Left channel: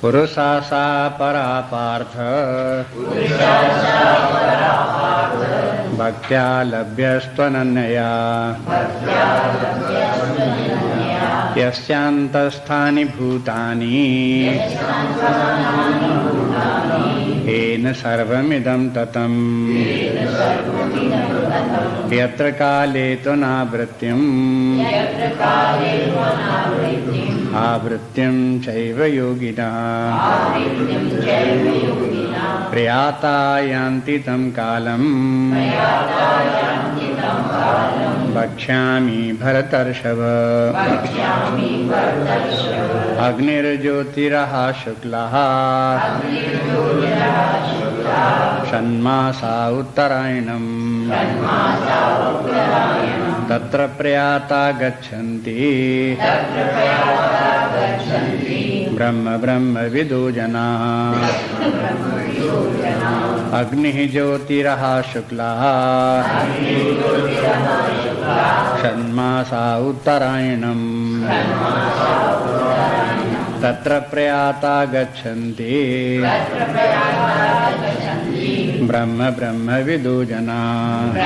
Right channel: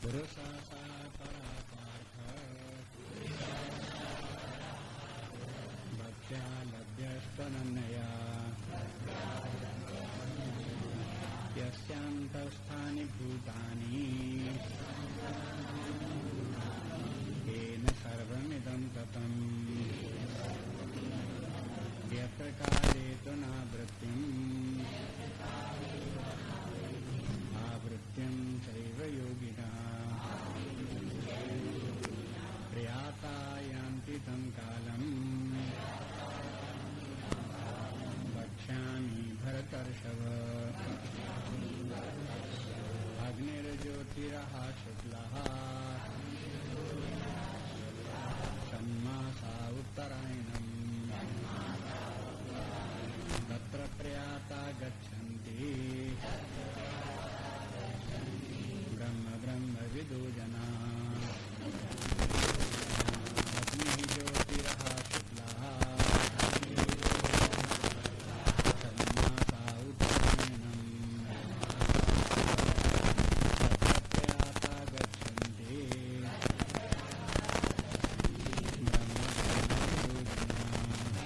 पुरुषा सा परा पार्थ भक्त्या लभ्यस्त्वनन्यया यस्यान्तस्थानि भूतानि येन सर्वमिदं ततम् यत्र काले त्वनावृत्तिम् आवृत्तिं चैव योगिनः प्रयाता यान्ति तं कालम् वक्ष्यामि भरतर्षभ अग्निर्ज्योतिरः शुक्लः षण्मासा उत्तरायणम् तत्र प्रयाता गच्छन्ति ब्रह्म ब्रह्म विदो जनाः अग्निः ज्योतिरः शुक्लः षण्मासा उत्तरायणम् तत्र प्रयाता गच्छन्ति ब्रह्म ब्रह्म विदो जनाः।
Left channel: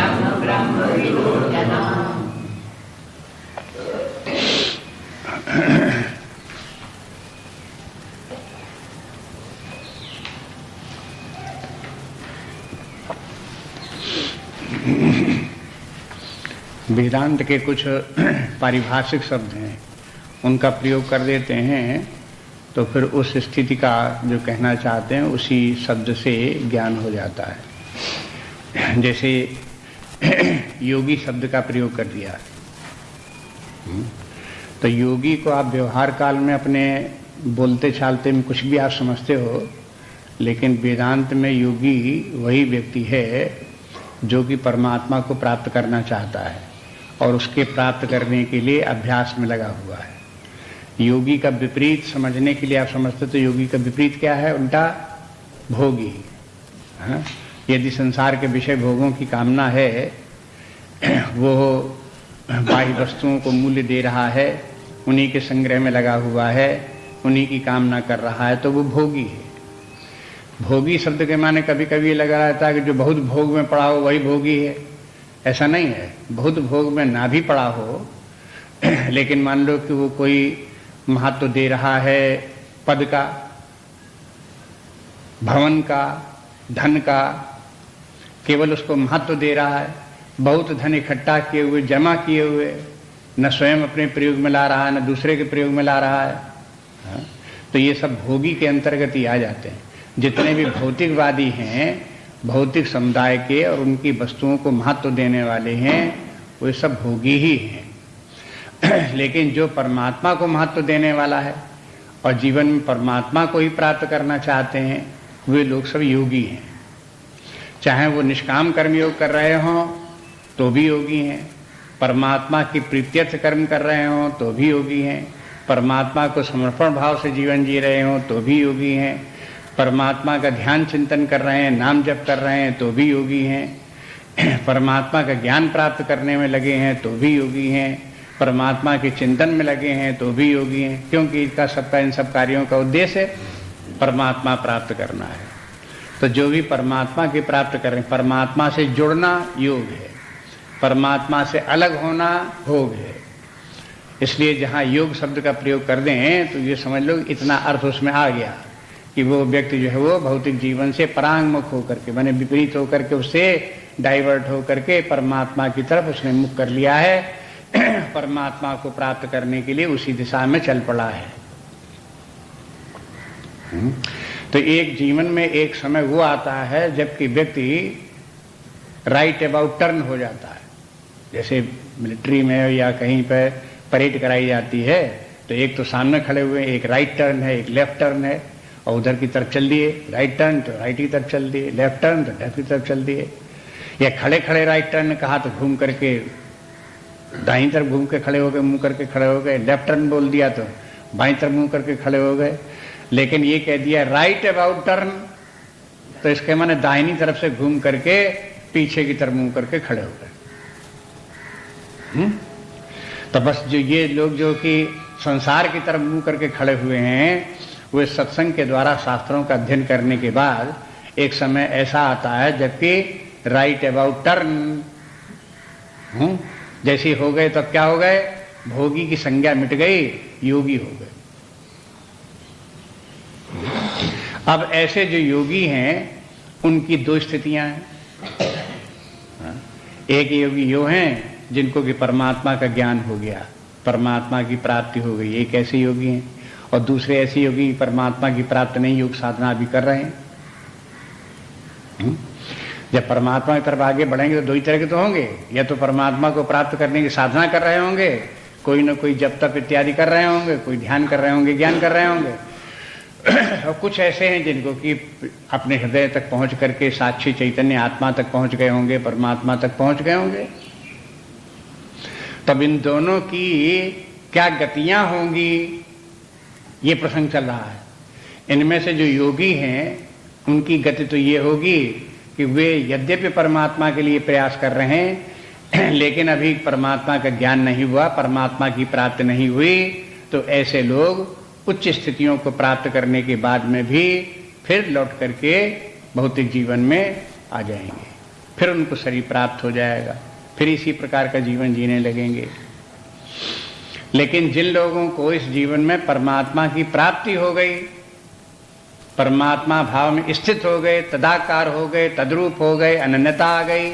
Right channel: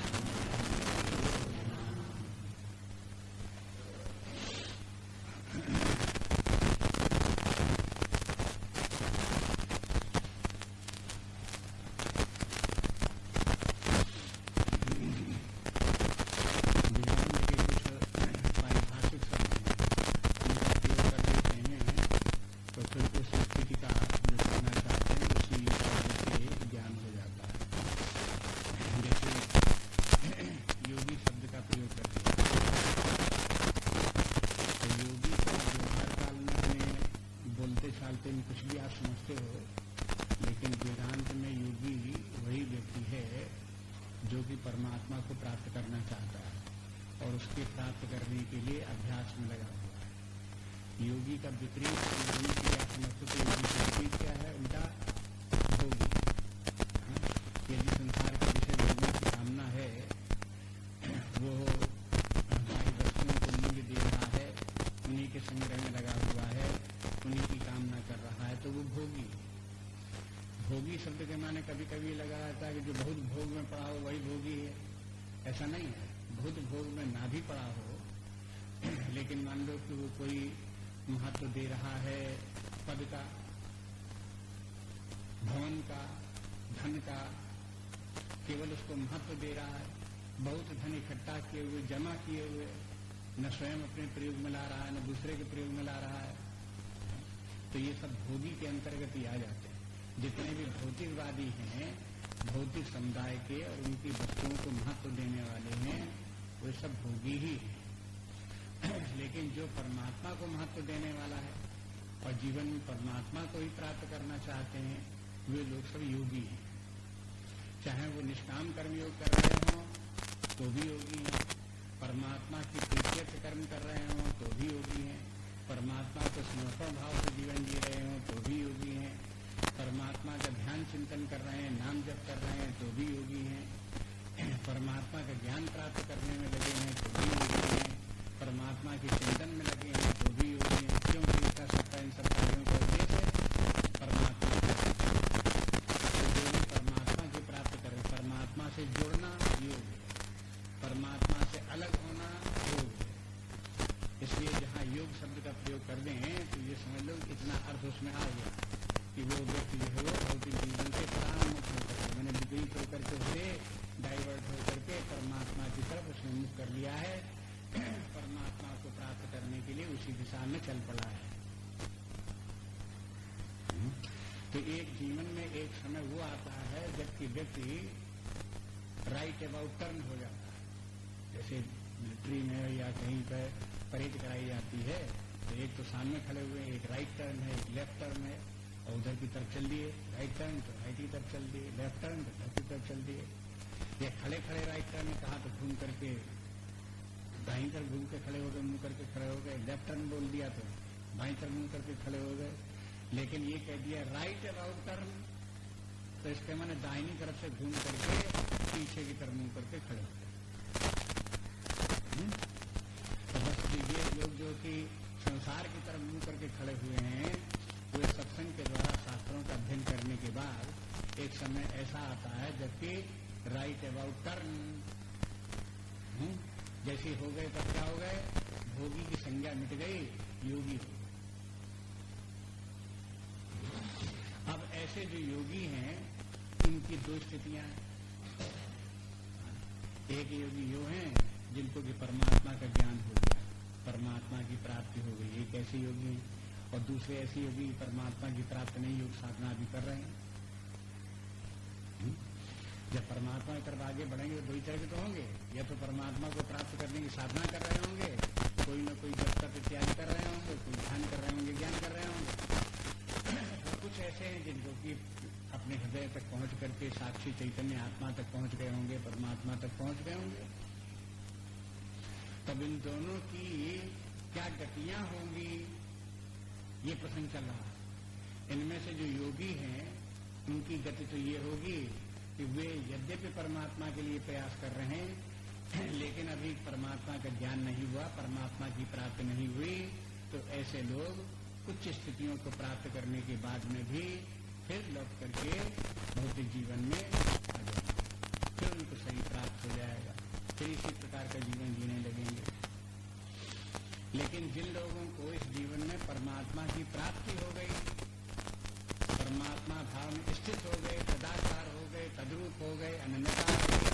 वेदांत के कुछ पारिभाषिक शब्द हैं, उनका प्रयोग कर देते हैं तो फिर उस स्थिति का जो कहना चाहते हैं उसी शब्द से ज्ञान हो जाता है। जैसे योगी शब्द का प्रयोग कर दिया तो योगी को आप व्यवहार काल में अपने बोलते चालते में कुछ भी आप समझते हो, लेकिन वेदांत में योगी वही व्यक्ति है जो कि परमात्मा को प्राप्त करना चाहता है और उसके प्राप्त करने के लिए अभ्यास में लगा हुआ है। योगी का विपरीत समझने के लिए आप समझते तो योगी का विपरीत क्या है? उल्टा भोगी। हाँ? यदि संसार के विषय भोगों की कामना है, वो बाह्य वस्तुओं को मूल्य दे रहा है, उन्हीं के संग्रह में लगा हुआ है, उन्हीं की कामना कर रहा है, तो वो भोगी है। भोगी शब्द के माने कभी कभी लगा रहता है कि जो बहुत भोग में पड़ा हो वही भोगी है। ऐसा नहीं है, बहुत भोग में ना भी पड़ा हो लेकिन मान लो कि वो कोई महत्व दे रहा है पद का, भवन का, धन का, केवल उसको महत्व दे रहा है, बहुत धन इकट्ठा किए हुए, जमा किए हुए, न स्वयं अपने प्रयोग में ला रहा है न दूसरे के प्रयोग में ला रहा है। तो ये सब भोगी के अंतर्गत ही आ जाते हैं। जितने भी भौतिकवादी हैं, भौतिक समुदाय के और उनकी वस्तुओं को महत्व देने वाले हैं, वो सब भोगी ही हैं। लेकिन जो परमात्मा को महत्व देने वाला है और जीवन में परमात्मा को ही प्राप्त करना चाहते हैं, वे लोग सब योगी हैं। चाहे वो निष्काम कर्म योग कर रहे हों तो भी योगी हैं, परमात्मा की प्रीत्यर्थ कर्म कर रहे हों तो भी योगी हैं, परमात्मा को समर्पण भाव से जीवन जी रहे हों तो भी योगी हैं, परमात्मा का ध्यान चिंतन कर रहे हैं, नाम जप कर रहे हैं तो भी योगी हैं, परमात्मा का ज्ञान प्राप्त करने में लगे हैं तो भी योगी हैं, परमात्मा के चिंतन में लगे हैं तो भी योगी हैं। क्योंकि इसका सबका इन सब कार्यों का उद्देश्य परमात्मा प्राप्त करना है। तो जो भी परमात्मा की प्राप्त कर रहे हैं, परमात्मा से जुड़ना योग है, परमात्मा से अलग होना भोग है। इसलिए जहाँ योग शब्द का प्रयोग कर दें तो ये समझ लो इतना अर्थ उसमें आ गया कि वो व्यक्ति जो है वो भौतिक जीवन से परांगमुख होकर के, माने विपरीत होकर के, उससे डाइवर्ट होकर के परमात्मा की तरफ उसने मुख कर लिया है, परमात्मा को प्राप्त करने के लिए उसी दिशा में चल पड़ा है। तो एक जीवन में एक समय वो आता है जबकि व्यक्ति राइट अबाउट टर्न हो जाता है। जैसे मिलिट्री में या कहीं पर परेड कराई जाती है तो एक तो सामने खड़े हुए, एक राइट टर्न है, एक लेफ्ट टर्न है, और उधर की तरफ चल दिए, राइट टर्न तो राइट की तरफ चल दिए, लेफ्ट टर्न तो लेफ्ट की तरफ चल दिए, या खड़े खड़े राइट टर्न कहा तो घूम करके दाईं तरफ घूम के खड़े हो गए, मुंह करके खड़े हो गए, लेफ्ट टर्न बोल दिया तो बाईं तरफ मुंह करके खड़े हो गए। लेकिन ये कह दिया राइट अबाउट टर्न तो इसके माने दाहिनी तरफ से घूम करके पीछे की तरफ मुंह करके खड़े हो गए। तो बस जो ये लोग जो कि संसार की तरफ मुंह करके खड़े हुए हैं, वे सत्संग के द्वारा शास्त्रों का अध्ययन करने के बाद एक समय ऐसा आता है जबकि राइट अबाउट टर्न जैसी हो गए, तब क्या हो गए, भोगी की संज्ञा मिट गई, योगी हो गए। अब ऐसे जो योगी हैं उनकी दो स्थितियां हैं। एक योगी यो हैं जिनको कि परमात्मा का ज्ञान हो गया, परमात्मा की प्राप्ति हो गई, एक ऐसे योगी हैं। और दूसरे ऐसे योगी परमात्मा की प्राप्ति नहीं, योग साधना भी कर रहे हैं। जब परमात्मा की तरफ आगे बढ़ेंगे तो दो ही तरह के तो होंगे, या तो परमात्मा को प्राप्त करने की साधना कर रहे होंगे, कोई ना कोई जप तप इत्यादि कर रहे होंगे, कोई ध्यान कर रहे होंगे, ज्ञान कर रहे होंगे। और कुछ ऐसे हैं जिनको कि अपने हृदय तक पहुंच करके साक्षी चैतन्य आत्मा तक पहुंच गए होंगे, परमात्मा तक पहुंच गए होंगे। तब इन दोनों की क्या गतियां होंगी, ये प्रसंग चल रहा है। इनमें से जो योगी हैं उनकी गति तो ये होगी कि वे यद्यपि परमात्मा के लिए प्रयास कर रहे हैं, लेकिन अभी परमात्मा का ज्ञान नहीं हुआ, परमात्मा की प्राप्ति नहीं हुई, तो ऐसे लोग उच्च स्थितियों को प्राप्त करने के बाद में भी फिर लौट करके भौतिक जीवन में आ जाएंगे, फिर उनको शरीर प्राप्त हो जाएगा, फिर इसी प्रकार का जीवन जीने लगेंगे। लेकिन जिन लोगों को इस जीवन में परमात्मा की प्राप्ति हो गई, परमात्मा भाव में स्थित हो गए, तदाकार हो गए, तद्रूप हो गए, अनन्यता आ गई,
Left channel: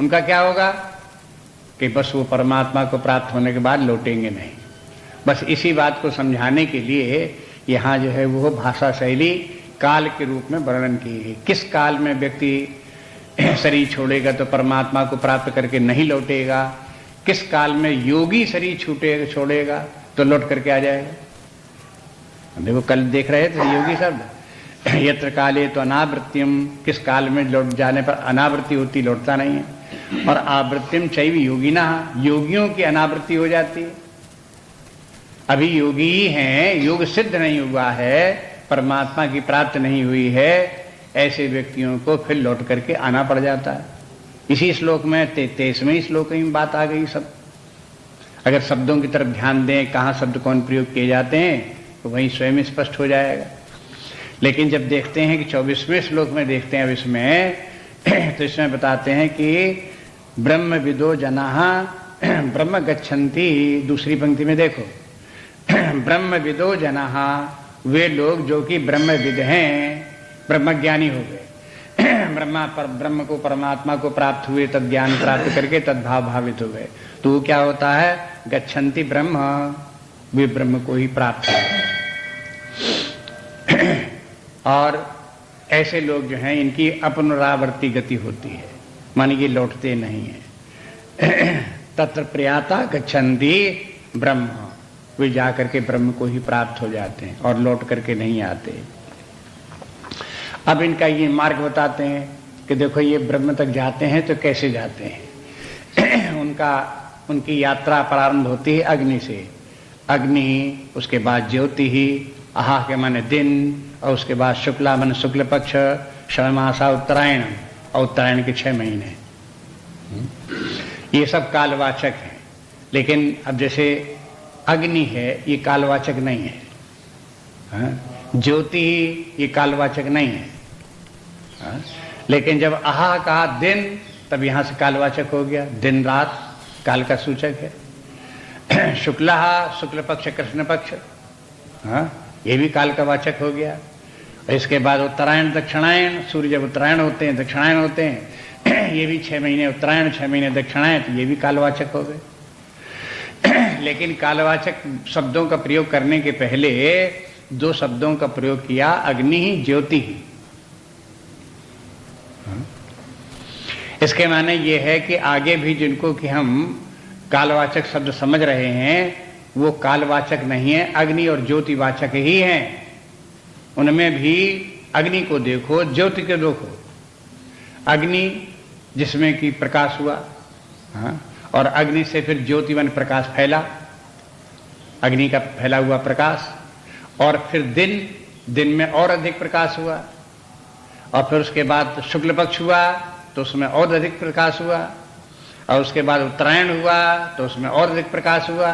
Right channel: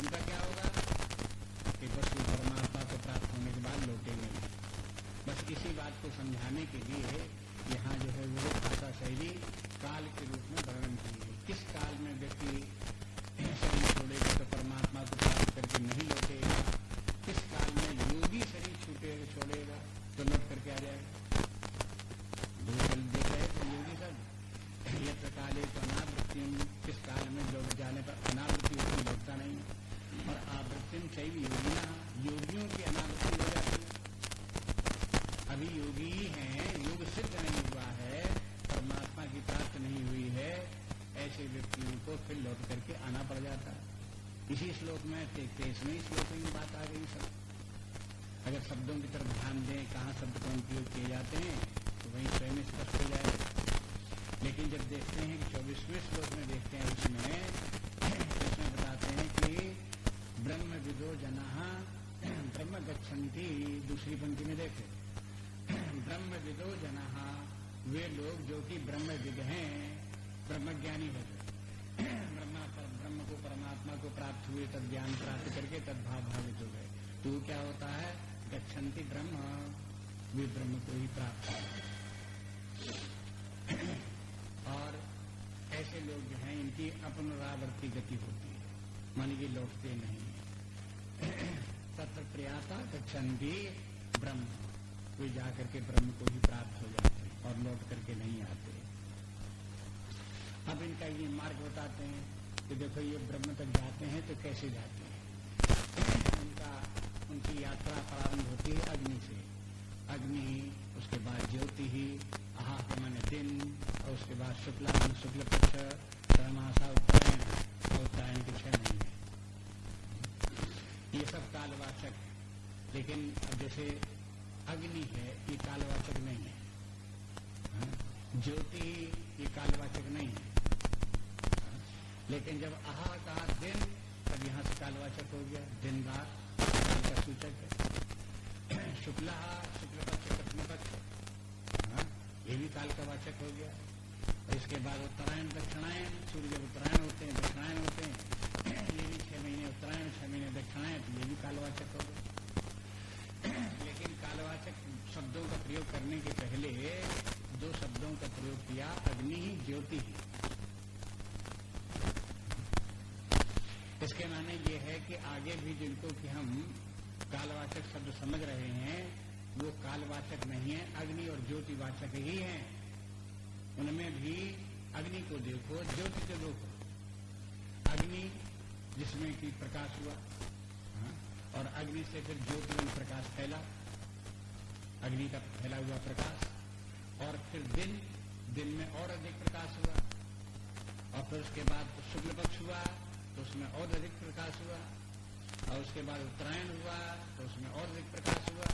उनका क्या होगा कि बस वो परमात्मा को प्राप्त होने के बाद लौटेंगे नहीं। बस इसी बात को समझाने के लिए यहाँ जो है वो भाषा शैली काल के रूप में वर्णन की है। किस काल में व्यक्ति शरीर छोड़ेगा तो परमात्मा को प्राप्त करके नहीं लौटेगा, किस काल में योगी शरीर छोड़ेगा तो लौट करके आ जाएगा। देखो कल देख रहे थे योगी शब्द, यत्र काले तो अनावृत्तिम, किस काल में लौट जाने पर अनावृत्ति होती, लौटता नहीं है। और आवृत्तिम चैव योगिना, योगियों की अनावृत्ति हो जाती है। अभी योगी ही हैं, योग सिद्ध नहीं हुआ है, परमात्मा की प्राप्ति नहीं हुई है, ऐसे व्यक्तियों को फिर लौट करके आना पड़ जाता है। इसी श्लोक में 23वें श्लोक में बात आ गई सब। अगर शब्दों की तरफ ध्यान दें, कहाँ शब्द कौन प्रयोग किए जाते हैं, तो वहीं स्वयं स्पष्ट हो जाएगा। लेकिन जब देखते हैं कि 24वें श्लोक में देखते हैं अब इसमें, तो इसमें बताते हैं कि ब्रह्म विदो जनाः ब्रह्म गच्छन्ति। दूसरी पंक्ति में देखो, ब्रह्म विदो जनाः, वे लोग जो कि ब्रह्मविद हैं, ब्रह्मज्ञानी हो गए, ब्रह्म को परमात्मा को प्राप्त हुए, तद ज्ञान प्राप्त करके तद्भाव भावित हो गए, तो क्या होता है, गच्छन्ति ब्रह्म, वे ब्रह्म को ही प्राप्त हो। और ऐसे लोग जो हैं इनकी अपनरावर्ती गति होती है, मानी कि लौटते नहीं है। तत्र प्रयाता गच्छन्ति ब्रह्म, वे जाकर के ब्रह्म को ही प्राप्त हो जाते हैं और लौट करके नहीं आते। अब इनका ये मार्ग बताते हैं कि देखो ये ब्रह्म तक जाते हैं तो कैसे जाते हैं। उनकी यात्रा प्रारंभ होती है अग्नि से, अग्नि, उसके बाद ज्योति ही, आहा के माने दिन, और उसके बाद शुक्ला माने शुक्ल पक्ष, षण्मासा उत्तरायण, और उत्तरायण के 6 महीने। ये सब कालवाचक हैं। लेकिन अब जैसे अग्नि है, ये कालवाचक नहीं है, ज्योति ही ये कालवाचक नहीं है। लेकिन जब आहा कहा दिन, तब यहां से कालवाचक हो गया, दिन रात काल का सूचक है। शुक्ला, शुक्ल पक्ष कृष्ण पक्ष, ये भी काल का वाचक हो गया। इसके बाद उत्तरायण दक्षिणायन, सूर्य जब उत्तरायण होते हैं दक्षिणायन होते हैं, ये भी 6 महीने उत्तरायण 6 महीने दक्षिणायन, तो ये भी कालवाचक हो गए। लेकिन कालवाचक शब्दों का प्रयोग करने के पहले 2 शब्दों का प्रयोग किया, अग्नि ही ज्योति ही। इसके माने ये है कि आगे भी जिनको कि हम कालवाचक शब्द समझ रहे हैं वो कालवाचक नहीं है, अग्नि और ज्योतिवाचक ही हैं। उनमें भी अग्नि को देखो, ज्योति को देखो। अग्नि जिसमें कि प्रकाश हुआ, और अग्नि से फिर ज्योतिवन प्रकाश फैला, अग्नि का फैला हुआ प्रकाश, और फिर दिन में और अधिक प्रकाश हुआ, और फिर उसके बाद शुक्ल पक्ष हुआ तो उसमें और अधिक प्रकाश हुआ, और उसके बाद उत्तरायण हुआ तो उसमें और अधिक प्रकाश हुआ।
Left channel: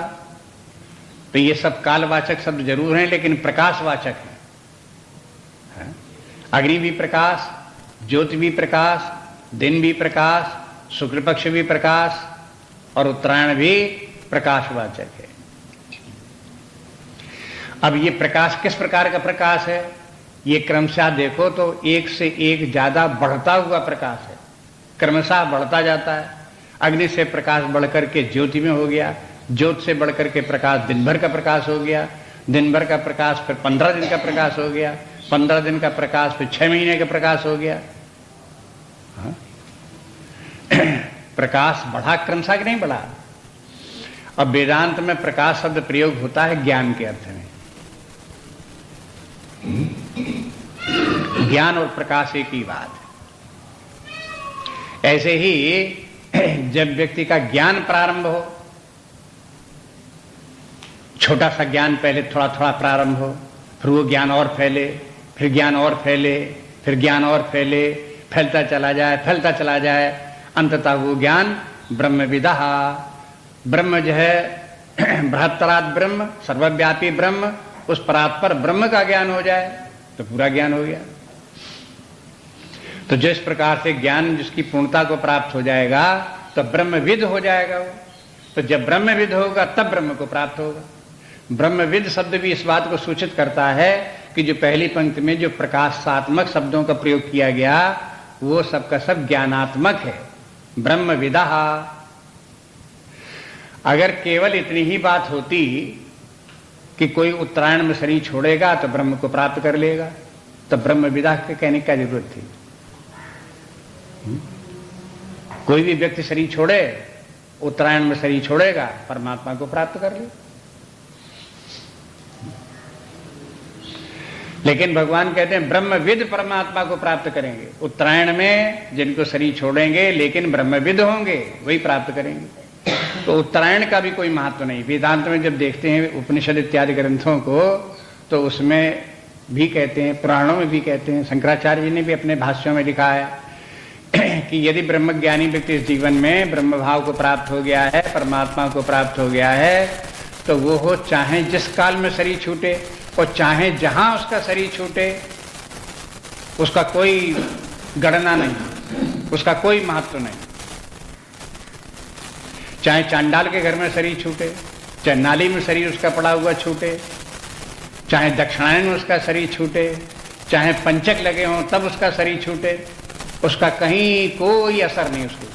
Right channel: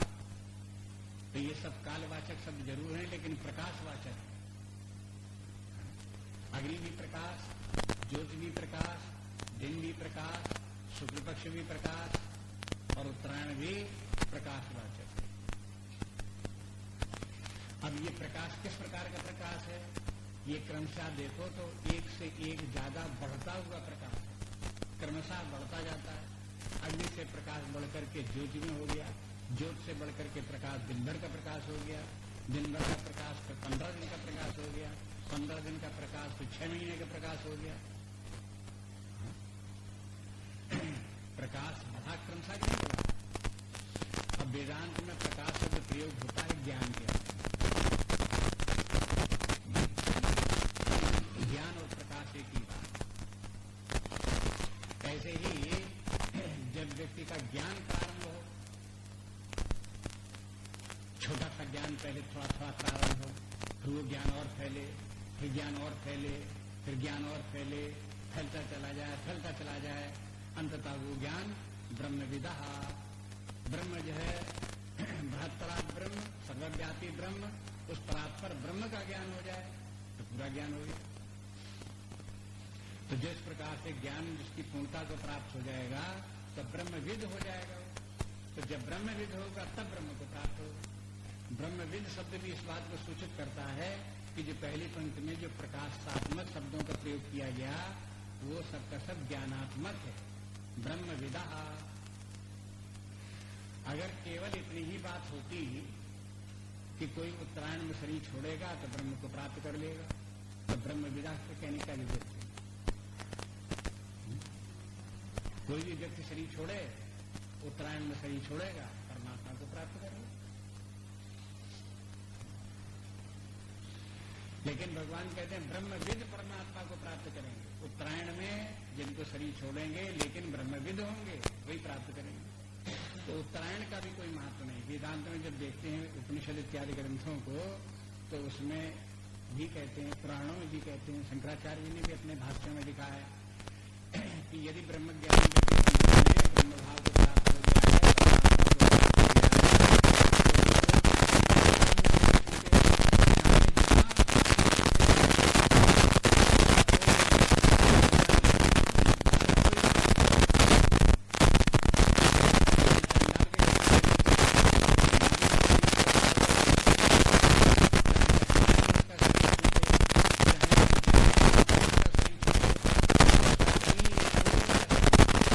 तो ये सब कालवाचक शब्द जरूर हैं, लेकिन प्रकाशवाचक हैं। अग्नि भी प्रकाश, ज्योति भी प्रकाश, दिन भी प्रकाश, शुक्ल पक्ष भी प्रकाश और उत्तरायण भी प्रकाशवाचक है। अब ये प्रकाश किस प्रकार का प्रकाश है? ये क्रमशः देखो तो एक से एक ज्यादा बढ़ता हुआ प्रकाश है, क्रमशः बढ़ता जाता है। अग्नि से प्रकाश बढ़कर के ज्योति में हो गया, ज्योति से बढ़कर के प्रकाश दिन भर का प्रकाश हो गया, दिन भर का प्रकाश फिर 15 दिन का प्रकाश हो गया, 15 दिन का प्रकाश फिर 6 महीने का प्रकाश हो गया। हाँ? प्रकाश बढ़ा क्रमशः कि नहीं बढ़ा? अब वेदांत में प्रकाश शब्द प्रयोग होता है ज्ञान के अर्थ में। ज्ञान और प्रकाश एक ही बात। ऐसे ही जब व्यक्ति का ज्ञान प्रारंभ हो, छोटा सा ज्ञान पहले थोड़ा थोड़ा प्रारंभ हो, फिर वो ज्ञान और फैले, फिर ज्ञान और फैले, फिर ज्ञान और फैले, फैलता चला जाए, फैलता चला जाए, अंततः वो ज्ञान ब्रह्मविदः, ब्रह्म जो है बृहत्तरात् ब्रह्म, सर्वव्यापी ब्रह्म, उस परात्पर ब्रह्म का ज्ञान हो जाए तो पूरा ज्ञान हो गया। तो जिस प्रकार से ज्ञान जिसकी पूर्णता को प्राप्त हो जाएगा तो ब्रह्मविद हो जाएगा वो। तो जब ब्रह्मविद होगा तब ब्रह्म को प्राप्त होगा। ब्रह्मविद शब्द भी इस बात को सूचित करता है कि जो पहली पंक्ति में जो प्रकाशात्मक शब्दों का प्रयोग किया गया वो सबका सब ज्ञानात्मक है, ब्रह्मविदः। अगर केवल इतनी ही बात होती कि कोई उत्तरायण में शरीर छोड़ेगा तो ब्रह्म को प्राप्त कर लेगा, तो ब्रह्मविदः के कहने की जरूरत थी? कोई भी व्यक्ति शरीर छोड़े, उत्तरायण में शरीर छोड़ेगा, परमात्मा को प्राप्त कर ले। लेकिन भगवान कहते हैं ब्रह्मविद परमात्मा को प्राप्त करेंगे। उत्तरायण में जिनको शरीर छोड़ेंगे लेकिन ब्रह्मविद होंगे वही प्राप्त करेंगे। तो उत्तरायण का भी कोई महत्व नहीं। वेदांत में जब देखते हैं उपनिषद इत्यादि ग्रंथों को तो उसमें भी कहते हैं, पुराणों में भी कहते हैं, शंकराचार्य जी ने भी अपने भाष्यों में लिखा है कि यदि ब्रह्मज्ञानी व्यक्ति इस जीवन में ब्रह्म भाव को प्राप्त हो गया है, परमात्मा को प्राप्त हो गया है, तो वो हो चाहे जिस काल में शरीर छूटे और चाहे जहां उसका शरीर छूटे, उसका कोई गणना नहीं, उसका कोई महत्व नहीं। चाहे चांडाल के घर में शरीर छूटे, चाहे नाली में शरीर उसका पड़ा हुआ छूटे, चाहे दक्षिणायन में उसका शरीर छूटे, चाहे पंचक लगे हों तब उसका शरीर छूटे, उसका कहीं कोई असर नहीं, उसको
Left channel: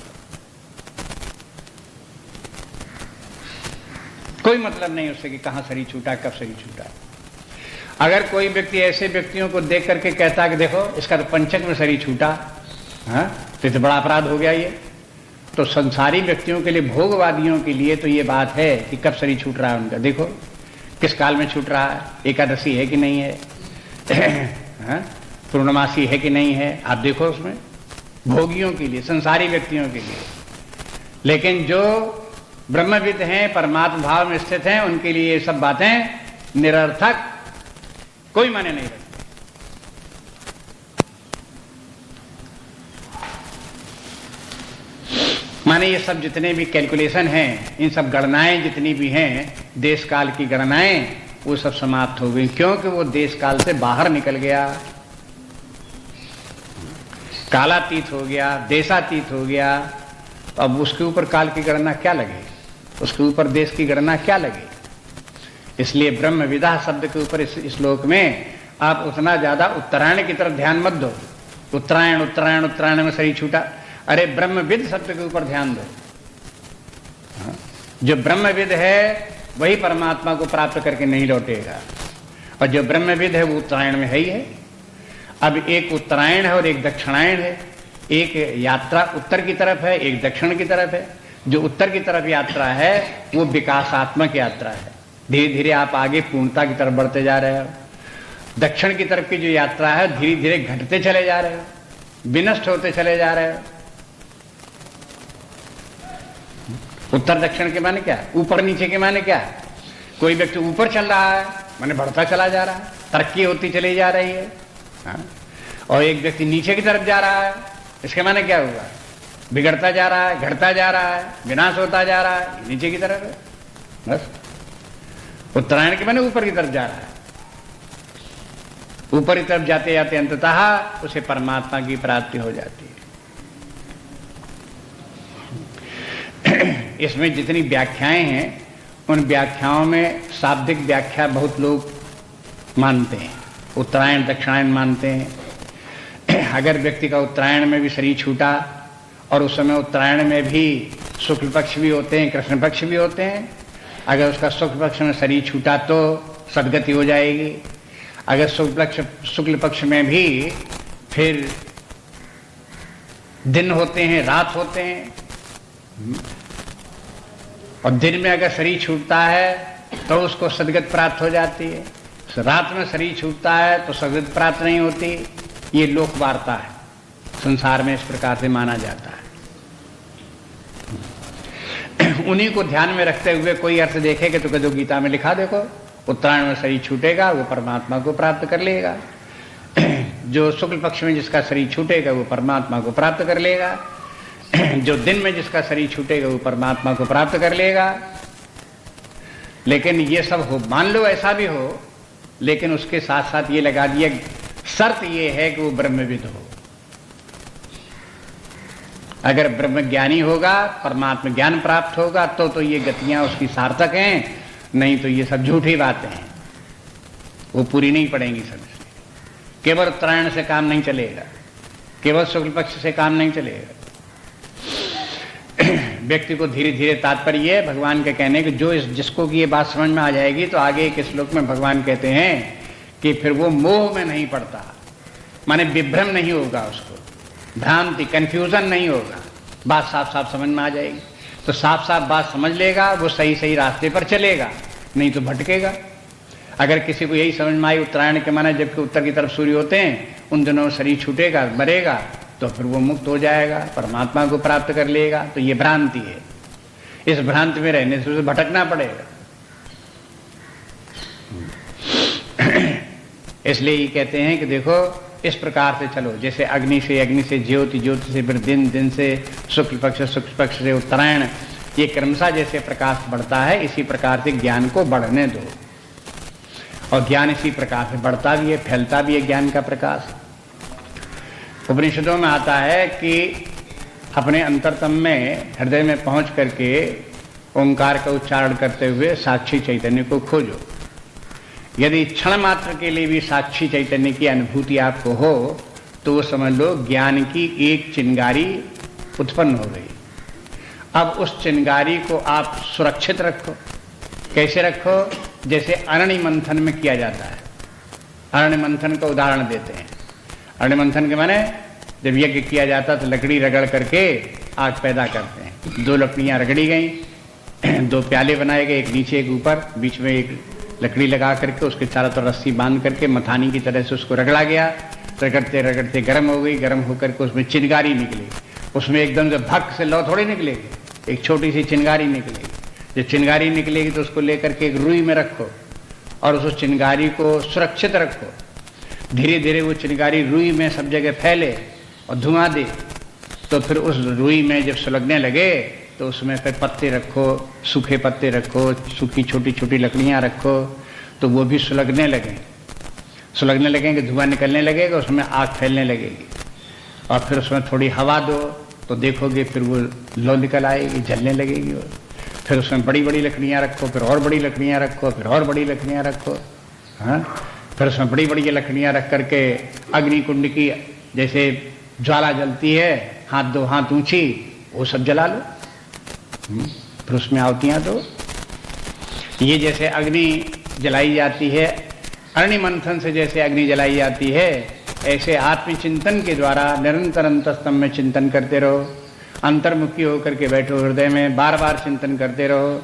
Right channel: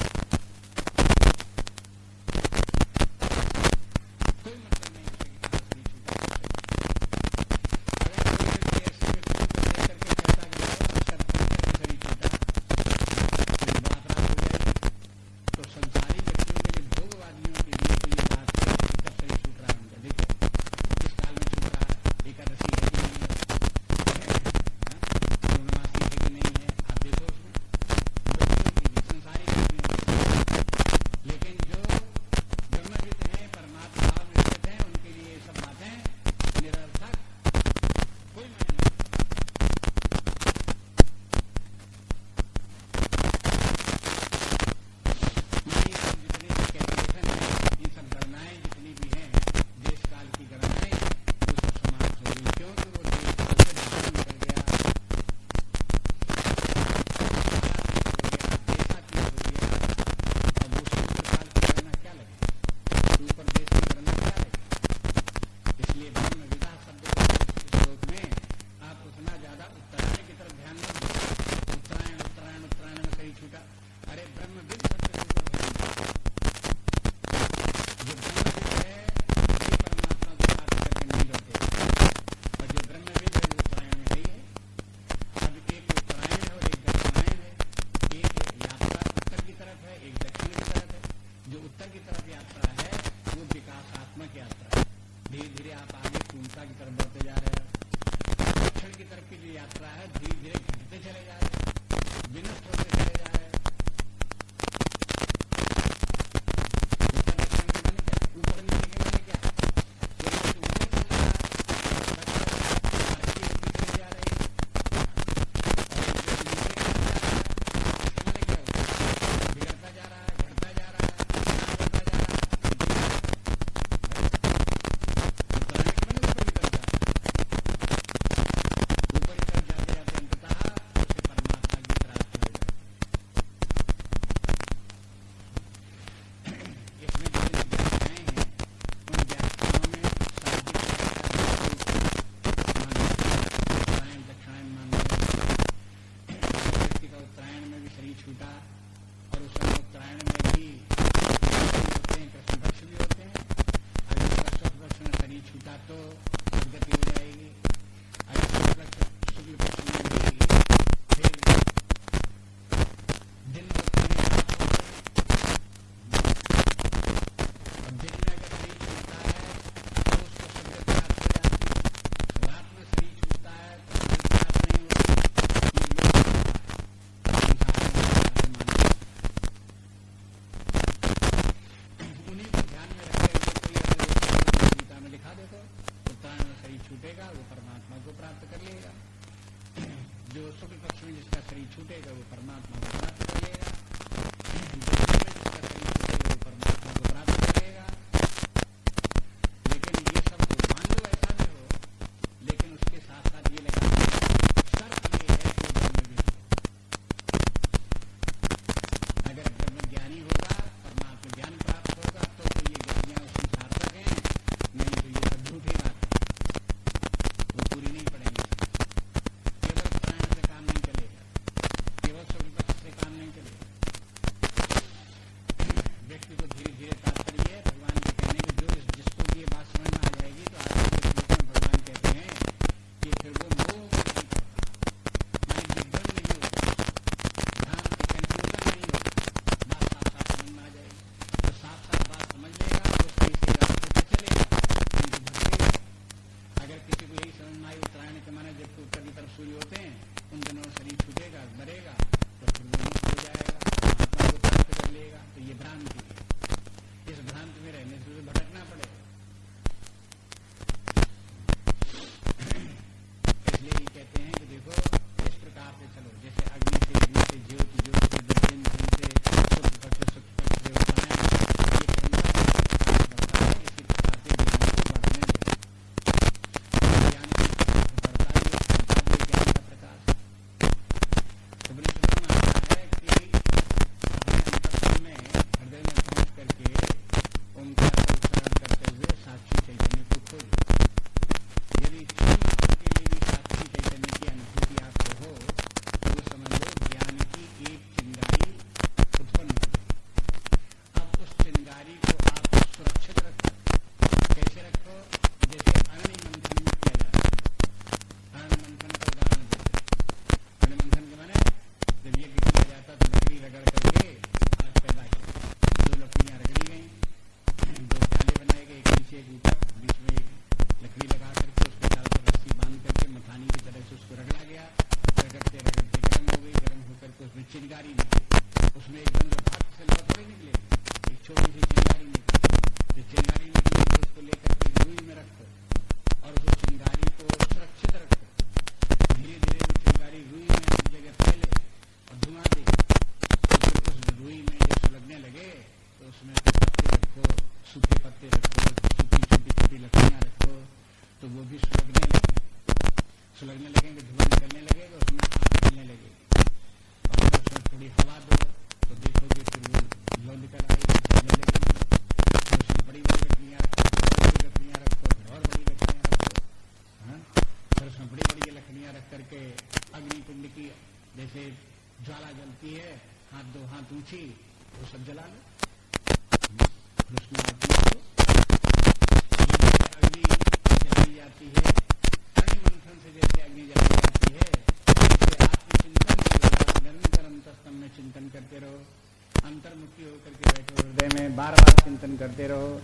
कोई मतलब नहीं उससे कि कहां शरीर छूटा, कब शरीर छूटा। अगर कोई व्यक्ति ऐसे व्यक्तियों को देख करके कहता कि देखो इसका तो पंचक में शरीर छूटा, हाँ, तो बड़ा अपराध हो गया ये, तो संसारी व्यक्तियों के लिए, भोगवादियों के लिए तो ये बात है कि कब शरीर छूट रहा है उनका, देखो किस काल में छूट रहा है, एकादशी है कि नहीं है, पूर्णमासी है कि नहीं है, आप देखो उसमें, भोगियों के लिए, संसारी व्यक्तियों के लिए। लेकिन जो ब्रह्मविद हैं, परमात्मा भाव में स्थित हैं, उनके लिए ये सब बातें निरर्थक, कोई माने नहीं रखती। माने ये सब जितने भी कैलकुलेशन हैं, इन सब गणनाएं जितनी भी हैं, देश काल की गणनाएं, वो सब समाप्त हो गई, क्योंकि वो देश काल से बाहर निकल गया, कालातीत हो गया, देशातीत हो गया। अब उसके ऊपर काल की गणना क्या लगे, उसके ऊपर देश की गणना क्या लगे। इसलिए ब्रह्मविदः शब्द के ऊपर इस श्लोक में आप उतना ज्यादा उत्तरायण की तरफ ध्यान मत दो। उत्तरायण उत्तरायण उत्तरायण में शरीर छूटा, अरे ब्रह्मविद शब्द के ऊपर ध्यान दो। जो ब्रह्मविद है वही परमात्मा को प्राप्त करके नहीं लौटेगा, और जो ब्रह्मविद है वो उत्तरायण में है ही है। अब एक उत्तरायण है और एक दक्षिणायन है, एक यात्रा उत्तर की तरफ है, एक दक्षिण की तरफ है। जो उत्तर की तरफ यात्रा है वो विकासात्मक यात्रा है, धीरे धीरे आप आगे पूर्णता की तरफ बढ़ते जा रहे हो। दक्षिण की तरफ की जो यात्रा है धीरे धीरे घटते चले जा रहे हो, विनष्ट होते चले जा रहे हो। उत्तर दक्षिण के माने क्या, ऊपर नीचे के माने क्या। कोई व्यक्ति ऊपर चल रहा है माने बढ़ता चला जा रहा है, तरक्की होती चली जा रही है, और एक व्यक्ति नीचे की तरफ जा रहा है, इसके माने क्या होगा, बिगड़ता जा रहा है, घटता जा रहा है, विनाश होता जा रहा है, नीचे की तरफ। बस उत्तरायण के माने ऊपर की तरफ जा रहा है। ऊपर की तरफ जाते जाते अंततः उसे परमात्मा की प्राप्ति हो जाती है। इसमें जितनी व्याख्याएं हैं उन व्याख्याओं में शाब्दिक व्याख्या बहुत लोग मानते हैं, उत्तरायण दक्षिणायन मानते हैं। अगर व्यक्ति का उत्तरायण में भी शरीर छूटा और उस समय उत्तरायण में भी शुक्ल पक्ष भी होते हैं, कृष्ण पक्ष भी होते हैं, अगर उसका शुक्ल पक्ष में शरीर छूटा तो सदगति हो जाएगी। अगर शुक्ल पक्ष में भी फिर दिन होते हैं, रात होते हैं, और दिन में अगर शरीर छूटता है तो उसको सदगत प्राप्त हो जाती है, रात में शरीर छूटता है तो सदगत प्राप्त नहीं होती। ये लोक वार्ता है, संसार में इस प्रकार से माना जाता है। उन्हीं को ध्यान में रखते हुए कोई अर्थ देखेगा तो कदो गीता में लिखा, देखो उत्तरायण में शरीर छूटेगा वो परमात्मा को प्राप्त कर लेगा, जो शुक्ल पक्ष में जिसका शरीर छूटेगा वो परमात्मा को प्राप्त कर लेगा, जो दिन में जिसका शरीर छूटेगा वो परमात्मा को प्राप्त कर लेगा। लेकिन ये सब हो, मान लो ऐसा भी हो, लेकिन उसके साथ साथ ये लगा दिया शर्त ये है कि वो ब्रह्मविद हो। अगर ब्रह्म ज्ञानी होगा, परमात्मा ज्ञान प्राप्त होगा तो ये गतियां उसकी सार्थक हैं, नहीं तो ये सब झूठी बातें हैं, वो पूरी नहीं पड़ेंगी सब। केवल उत्तरायण से काम नहीं चलेगा, केवल शुक्ल पक्ष से काम नहीं चलेगा। व्यक्ति को धीरे धीरे तात्पर्य है भगवान के कहने कि जो जिसको कि ये बात समझ में आ जाएगी तो आगे एक श्लोक में भगवान कहते हैं कि फिर वो मोह में नहीं पड़ता, माने विभ्रम नहीं होगा, उसको भ्रांति कंफ्यूजन नहीं होगा, बात साफ साफ समझ में आ जाएगी। तो साफ साफ बात समझ लेगा, वो सही सही रास्ते पर चलेगा, नहीं तो भटकेगा। अगर किसी को यही समझ में आई उत्तरायण के माने जबकि उत्तर की तरफ सूर्य होते हैं उन दिनों शरीर छूटेगा, मरेगा, तो फिर वो मुक्त हो जाएगा, परमात्मा को प्राप्त कर लेगा, तो ये भ्रांति है। इस भ्रांति में रहने से उसे भटकना पड़ेगा। इसलिए ये कहते हैं कि देखो इस प्रकार से चलो, जैसे अग्नि से ज्योति, ज्योति से फिर दिन, दिन से शुक्ल पक्ष से उत्तरायण, ये क्रमशः जैसे प्रकाश बढ़ता है इसी प्रकार से ज्ञान को बढ़ने दो, और ज्ञान इसी प्रकार से बढ़ता भी है, फैलता भी है ज्ञान का प्रकाश। उपनिषदों में आता है कि अपने अंतरतम में, हृदय में पहुंच करके ओंकार का उच्चारण करते हुए साक्षी चैतन्य को खोजो। यदि क्षण मात्र के लिए भी साक्षी चैतन्य की अनुभूति आपको हो तो समझ लो ज्ञान की एक चिंगारी उत्पन्न हो गई। अब उस चिंगारी को आप सुरक्षित रखो। कैसे रखो? जैसे अरण्य मंथन में किया जाता है। अरण्य मंथन का उदाहरण देते हैं। अरण्य मंथन के माने जब यज्ञ किया जाता तो लकड़ी रगड़ करके आग पैदा करते हैं। 2 लकड़ियां रगड़ी गई, 2 प्याले बनाए गए, एक नीचे एक ऊपर, बीच में एक लकड़ी लगा करके उसके चारों तरफ रस्सी बांध करके मथानी की तरह से उसको रगड़ा गया। रगड़ते रगड़ते गर्म हो गई, गर्म होकर के उसमें चिंगारी निकली। उसमें एकदम से भक से लौ थोड़ी निकलेगी, एक छोटी सी चिंगारी निकलेगी। जब चिंगारी निकलेगी तो उसको लेकर के एक रुई में रखो और उस चिंगारी को सुरक्षित रखो। धीरे धीरे वो चिंगारी रुई में सब जगह फैले और धुआं दे, तो फिर उस रुई में जब सुलगने लगे तो उसमें फिर पत्ते रखो, सूखे पत्ते रखो, सूखी छोटी छोटी लकड़ियां रखो, तो वो भी सुलगने लगे। सुलगने लगेंगे, धुआं निकलने लगेगा, उसमें आग फैलने लगेगी। और फिर उसमें थोड़ी हवा दो तो देखोगे फिर वो लौ निकल आएगी, जलने लगेगी। फिर उसमें बड़ी बड़ी लकड़ियां रखो, फिर और बड़ी लकड़ियां रखो, फिर और बड़ी लकड़ियां रखो। हाँ, फिर उसमें बड़ी बड़ी लकड़ियां रख करके अग्नि कुंड की जैसे ज्वाला जलती है, हाथ 2 हाथ ऊंची, वो सब जला लो। फिर उसमें आवतियां तो ये जैसे अग्नि जलाई जाती है, अरण्य मंथन से जैसे अग्नि जलाई जाती है, ऐसे आत्मचिंतन के द्वारा निरंतर अंतस्तम में चिंतन करते रहो। अंतर्मुखी होकर के बैठो, हृदय में बार बार चिंतन करते रहो।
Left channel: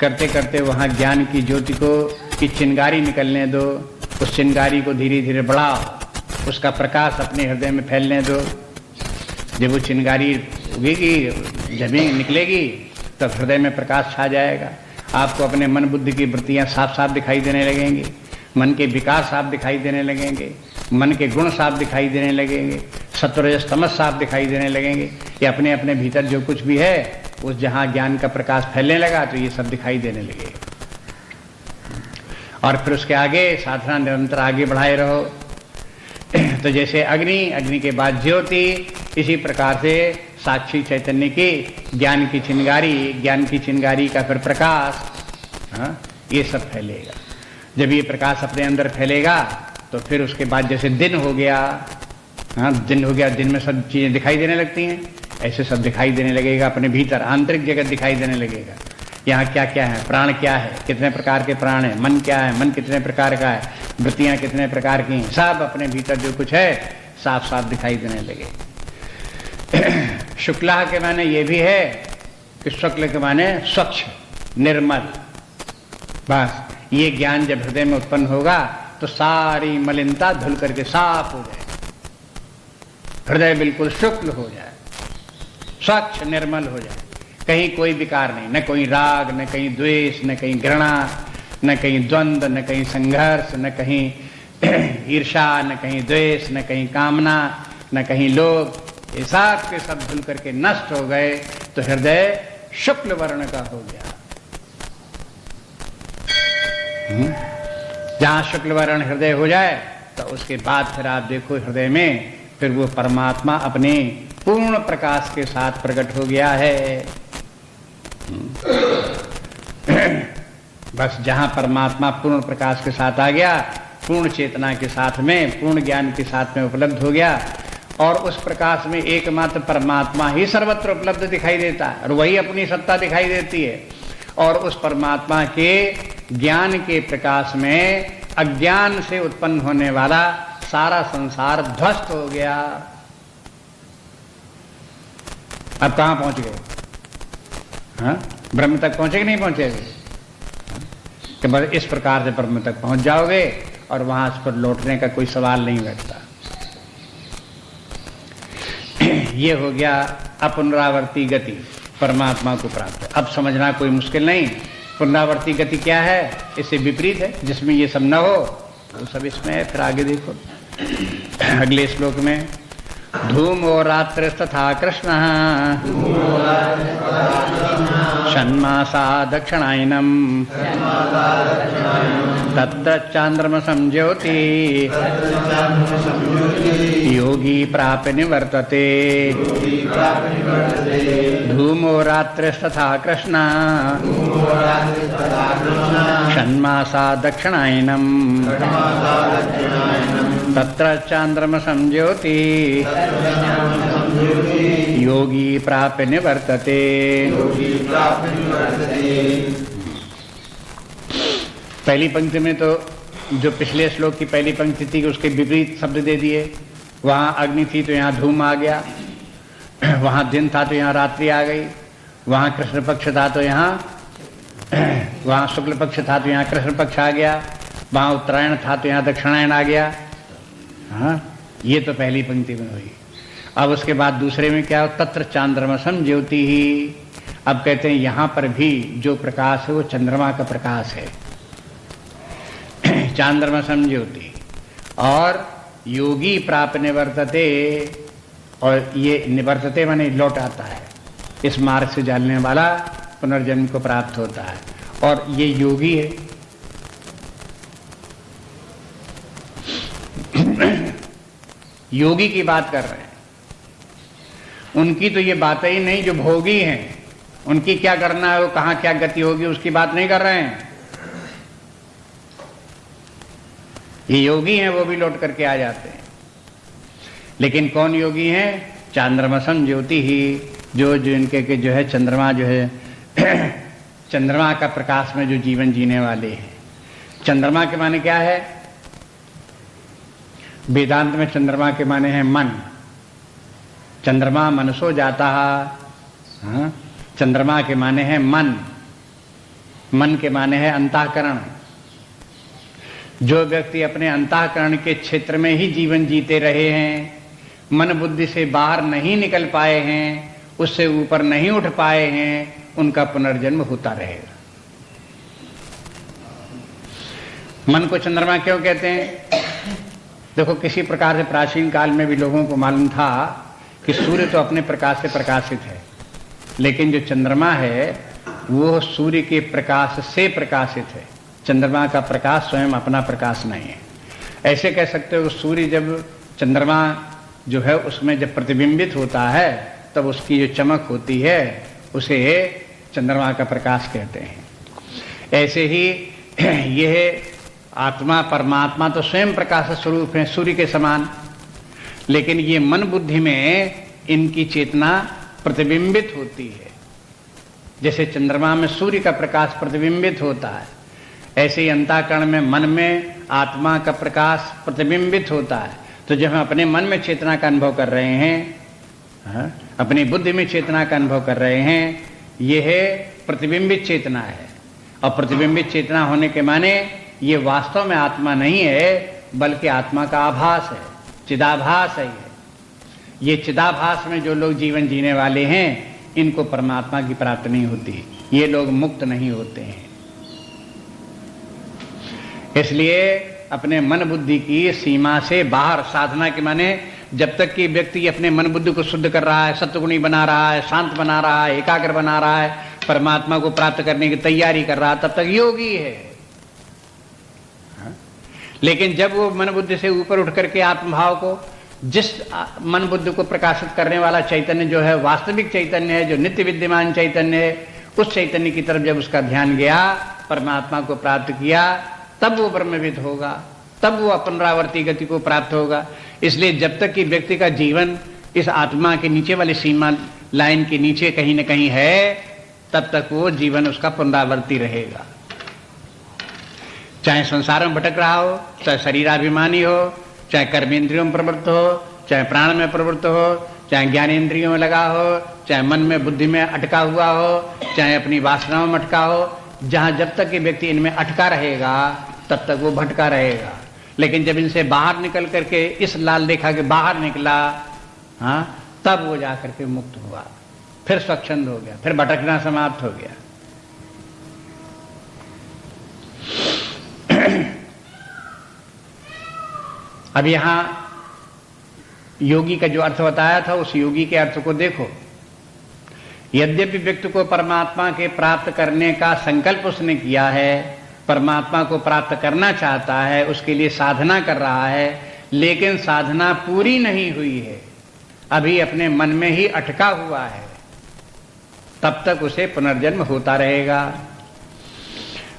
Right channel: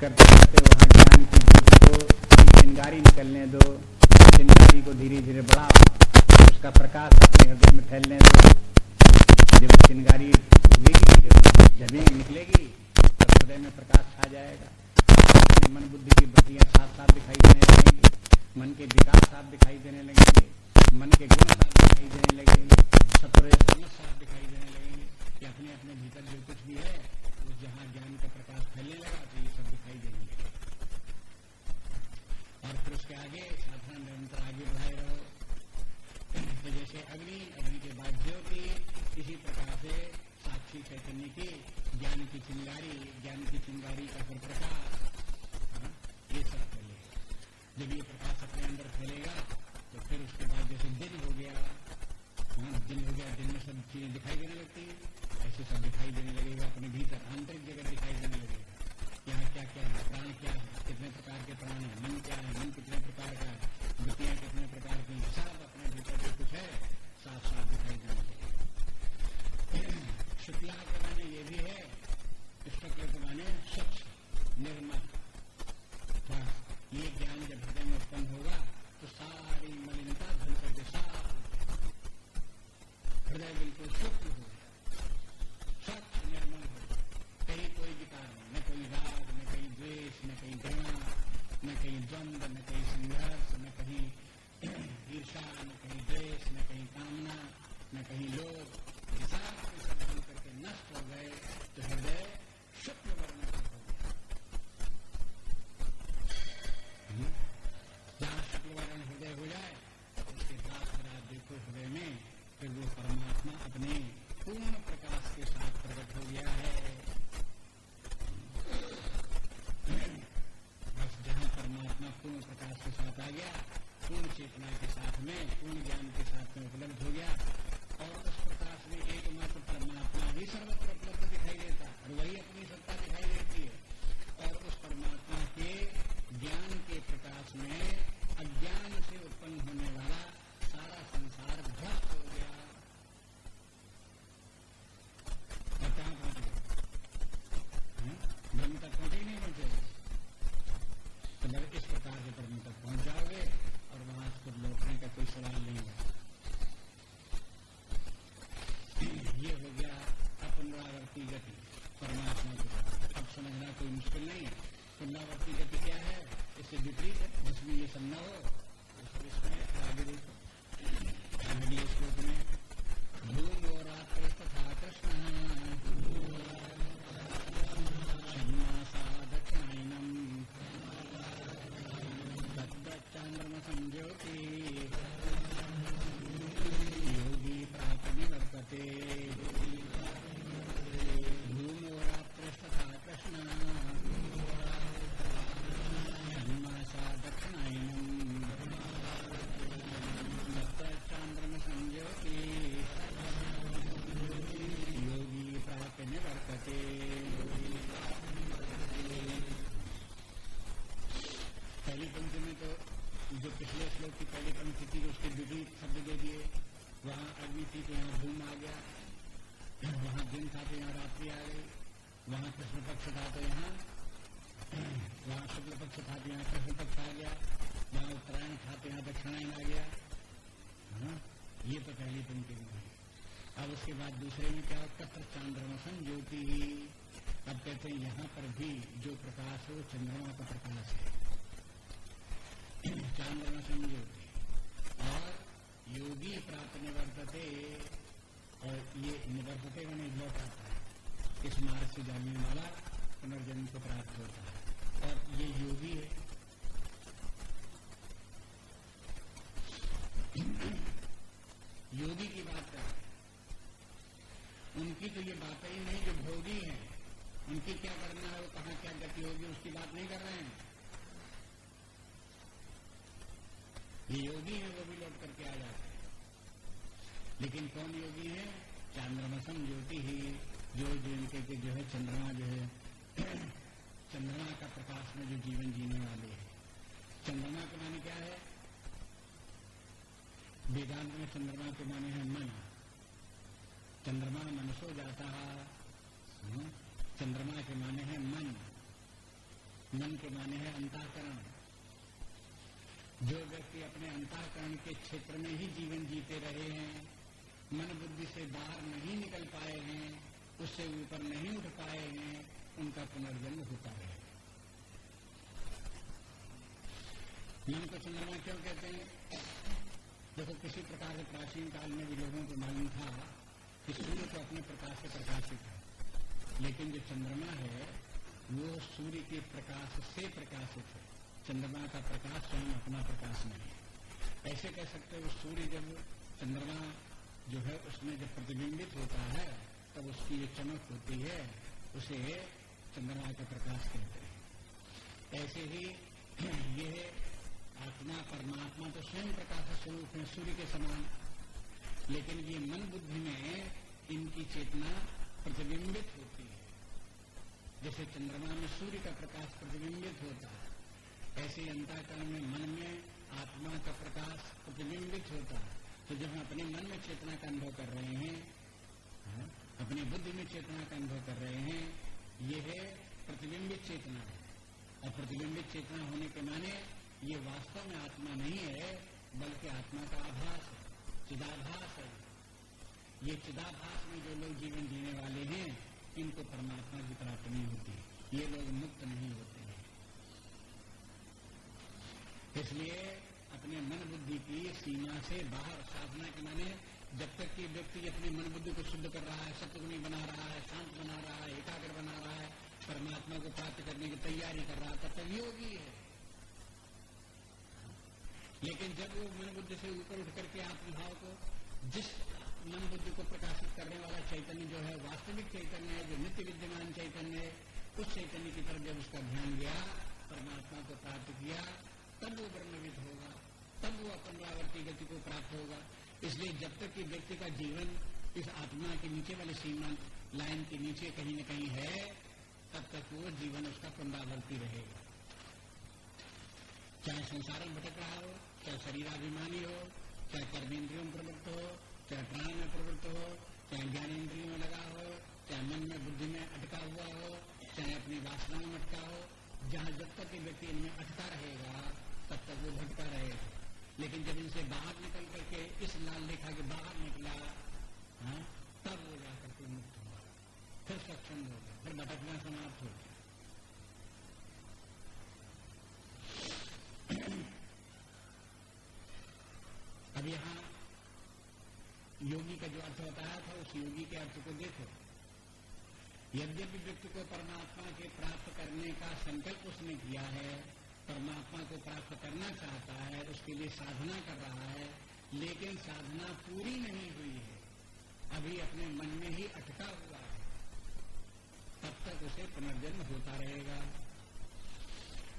करते करते वहाँ ज्ञान की ज्योति को की चिंगारी निकलने दो। चिंगारी को धीरे धीरे बढ़ाओ, उसका प्रकाश अपने हृदय में फैलने दो। जब वो चिंगारी उगेगी, जमीन निकलेगी, तब हृदय में प्रकाश छा जाएगा। आपको अपने मन बुद्धि की वृत्तियां साफ साफ दिखाई देने लगेंगी, मन के विकास साफ दिखाई देने लगेंगे, मन के गुण साफ दिखाई देने लगेंगे, सत्वरजस तमस साफ दिखाई देने लगेंगे। ये अपने अपने भीतर जो कुछ भी है उस जहाँ ज्ञान का प्रकाश फैलने लगा तो ये सब दिखाई देने लगेगा। और फिर उसके आगे साधना निरंतर आगे बढ़ाए रहो। तो जैसे अग्नि के बाद ज्योति, इसी प्रकार से साक्षी चैतन्य की ज्ञान की चिंगारी का फिर प्रकाश, ये सब फैलेगा। जब ये प्रकाश अपने अंदर फैलेगा तो फिर उसके बाद जैसे दिन हो गया, दिन में सब चीजें दिखाई देने लगती हैं, ऐसे सब दिखाई देने लगेगा अपने भीतर, आंतरिक जगत दिखाई देने लगेगा। यहाँ क्या क्या है, प्राण क्या है, कितने प्रकार के प्राण है, मन क्या है, मन कितने प्रकार का है, वृत्तियां कितने प्रकार की हैं, सब अपने भीतर जो कुछ है साफ साफ दिखाई देने लगे। शुक्ला के माने ये भी है कि शुक्ल के माने स्वच्छ निर्मल। बस ये ज्ञान जब हृदय में उत्पन्न होगा तो सारी मलिनता धुल करके साफ हो जाए, हृदय बिल्कुल शुक्ल हो जाए, स्वच्छ निर्मल हो जाए, कहीं कोई विकार नहीं, न कोई राग, न कहीं द्वेष, न कहीं घृणा, न कहीं द्वंद्व, न कहीं संघर्ष, न कहीं ईर्षा, न कहीं द्वेष, न कहीं कामना, न कहीं लोभ। ये सब के सब धुल करके नष्ट हो गए तो हृदय शुक्ल वर्ण का हो गया। जहां शुक्ल वर्ण हृदय हो जाए तो उसके बाद फिर आप देखो हृदय में फिर वो परमात्मा अपने पूर्ण प्रकाश के साथ प्रकट हो गया है। बस जहां परमात्मा पूर्ण प्रकाश के साथ आ गया, पूर्ण चेतना के साथ में, पूर्ण ज्ञान के साथ में उपलब्ध हो गया, और उस प्रकाश में एकमात्र परमात्मा ही सर्वत्र उपलब्ध दिखाई देता है और वही अपनी सत्ता दिखाई देती है। और उस परमात्मा के ज्ञान के प्रकाश में अज्ञान से उत्पन्न होने वाला सारा संसार ध्वस्त हो गया। अब कहां पहुंच गए? ब्रह्म तक पहुंचे कि नहीं पहुंचे? कि बस इस प्रकार से ब्रह्म तक पहुंच जाओगे और वहां इस पर लौटने का कोई सवाल नहीं बैठता। ये हो गया अपुनरावर्ती गति, परमात्मा को प्राप्त। अब समझना कोई मुश्किल नहीं, पुनरावर्ती गति क्या है, इससे विपरीत है। जिसमें ये सब न हो वो सब इसमें है। फिर आगे देखो अगले श्लोक में, धूमो रात्रिस्तथा कृष्ण षण्मासा दक्षिणायनम तत्र चांद्रमसं ज्योति योगी प्राप्य निवर्तते। धूमो रात्रिस्तथा कृष्ण षण्मासा दक्षिणायनम तत्र चांद्रमसं ज्योति योगी प्राप्य निवर्तते। पहली पंक्ति में तो जो पिछले श्लोक की पहली पंक्ति थी उसके विपरीत शब्द दे दिए। वहां अग्नि थी तो यहाँ धूम आ गया, वहां दिन था तो यहाँ रात्रि आ गई, वहां कृष्ण पक्ष था तो यहाँ वहां शुक्ल पक्ष था तो यहाँ कृष्ण पक्ष आ गया, वहां उत्तरायण था तो यहाँ दक्षिणायन आ गया। हाँ, ये तो पहली पंक्ति में हुई। अब उसके बाद दूसरे में क्या हो, तत्र चांद्रमसं ज्योति ही। अब कहते हैं यहां पर भी जो प्रकाश है वो चंद्रमा का प्रकाश है, चांद्रमसं ज्योति। और योगी प्राप्त निवर्तते, और ये निवर्तते माने लौट आता है, इस मार्ग से चलने वाला पुनर्जन्म को प्राप्त होता है, और ये योगी है। योगी की बात कर रहे हैं, उनकी तो ये बातें ही नहीं जो भोगी हैं, उनकी क्या करना है, वो कहां क्या गति होगी उसकी बात नहीं कर रहे हैं। ये योगी हैं, वो भी लौट करके आ जाते हैं। लेकिन कौन योगी हैं? चांद्रमसं ज्योति ही, जो इनके के जो है चंद्रमा जो है चंद्रमा का प्रकाश में जो जीवन जीने वाले हैं। चंद्रमा के माने क्या है? वेदांत में चंद्रमा के माने हैं मन। चंद्रमा मनसो जाता है। चंद्रमा के माने हैं मन, मन के माने हैं अंतःकरण। जो व्यक्ति अपने अंतःकरण के क्षेत्र में ही जीवन जीते रहे हैं, मन बुद्धि से बाहर नहीं निकल पाए हैं, उससे ऊपर नहीं उठ पाए हैं, उनका पुनर्जन्म होता रहेगा। मन को चंद्रमा क्यों कहते हैं? देखो, किसी प्रकार से प्राचीन काल में भी लोगों को मालूम था कि सूर्य तो अपने प्रकाश से प्रकाशित है, लेकिन जो चंद्रमा है वो सूर्य के प्रकाश से प्रकाशित है। चंद्रमा का प्रकाश स्वयं अपना प्रकाश नहीं है। ऐसे कह सकते हो सूर्य जब चंद्रमा जो है उसमें जब प्रतिबिंबित होता है तब उसकी जो चमक होती है उसे चंद्रमा का प्रकाश कहते हैं। ऐसे ही यह आत्मा परमात्मा तो स्वयं प्रकाश स्वरूप है सूर्य के समान, लेकिन ये मन बुद्धि में इनकी चेतना प्रतिबिंबित होती है। जैसे चंद्रमा में सूर्य का प्रकाश प्रतिबिंबित होता है, ऐसे ही अंतःकरण में मन में आत्मा का प्रकाश प्रतिबिंबित होता है। तो जब हम अपने मन में चेतना का अनुभव कर रहे हैं, अपनी बुद्धि में चेतना का अनुभव कर रहे हैं, यह प्रतिबिंबित चेतना है। और प्रतिबिंबित चेतना होने के माने ये वास्तव में आत्मा नहीं है, बल्कि आत्मा का आभास है, चिदाभास है। ये चिदाभास में जो लोग जीवन जीने वाले हैं इनको परमात्मा की प्राप्ति नहीं होती, ये लोग मुक्त नहीं होते हैं। इसलिए अपने मन बुद्धि की सीमा से बाहर साधना के माने जब तक कि व्यक्ति अपने मन बुद्धि को शुद्ध कर रहा है, सत्वगुणी बना रहा है, शांत बना रहा है, एकाग्र बना रहा है, परमात्मा को प्राप्त करने की तैयारी कर रहा है, तब तक योगी है। लेकिन जब वो मन बुद्धि से ऊपर उठ करके आत्मभाव को, जिस मन बुद्धि को प्रकाशित करने वाला चैतन्य जो है वास्तविक चैतन्य है, जो नित्य विद्यमान चैतन्य है, उस चैतन्य की तरफ जब उसका ध्यान गया, परमात्मा को प्राप्त किया, तब वो ब्रह्मविद होगा, तब वो पुनरावर्ती गति को प्राप्त होगा। इसलिए जब तक कि व्यक्ति का जीवन इस आत्मा के नीचे वाली सीमा लाइन के नीचे कहीं न कहीं है, तब तक वो जीवन उसका पुनरावर्ती रहेगा। चाहे संसार में भटक रहा हो, चाहे शरीराभिमानी हो, चाहे कर्मेंद्रियों में प्रवृत्त हो, चाहे प्राण में प्रवृत्त हो, चाहे ज्ञानेंद्रियों में लगा हो, चाहे मन में बुद्धि में अटका हुआ हो, चाहे अपनी वासनाओं में अटका हो, जहां जब तक कि व्यक्ति इनमें अटका रहेगा तब तक वो भटका रहेगा। लेकिन जब इनसे बाहर निकल करके इस लाल रेखा के बाहर निकला, तब वो जाकर के मुक्त हुआ, फिर स्वच्छंद हो गया, फिर भटकना समाप्त हो गया। अब यहां योगी का जो अर्थ बताया था, उस योगी के अर्थ को देखो। यद्यपि व्यक्ति को परमात्मा के प्राप्त करने का संकल्प उसने किया है, परमात्मा को प्राप्त करना चाहता है, उसके लिए साधना कर रहा है, लेकिन साधना पूरी नहीं हुई है, अभी अपने मन में ही अटका हुआ है, तब तक उसे पुनर्जन्म होता रहेगा।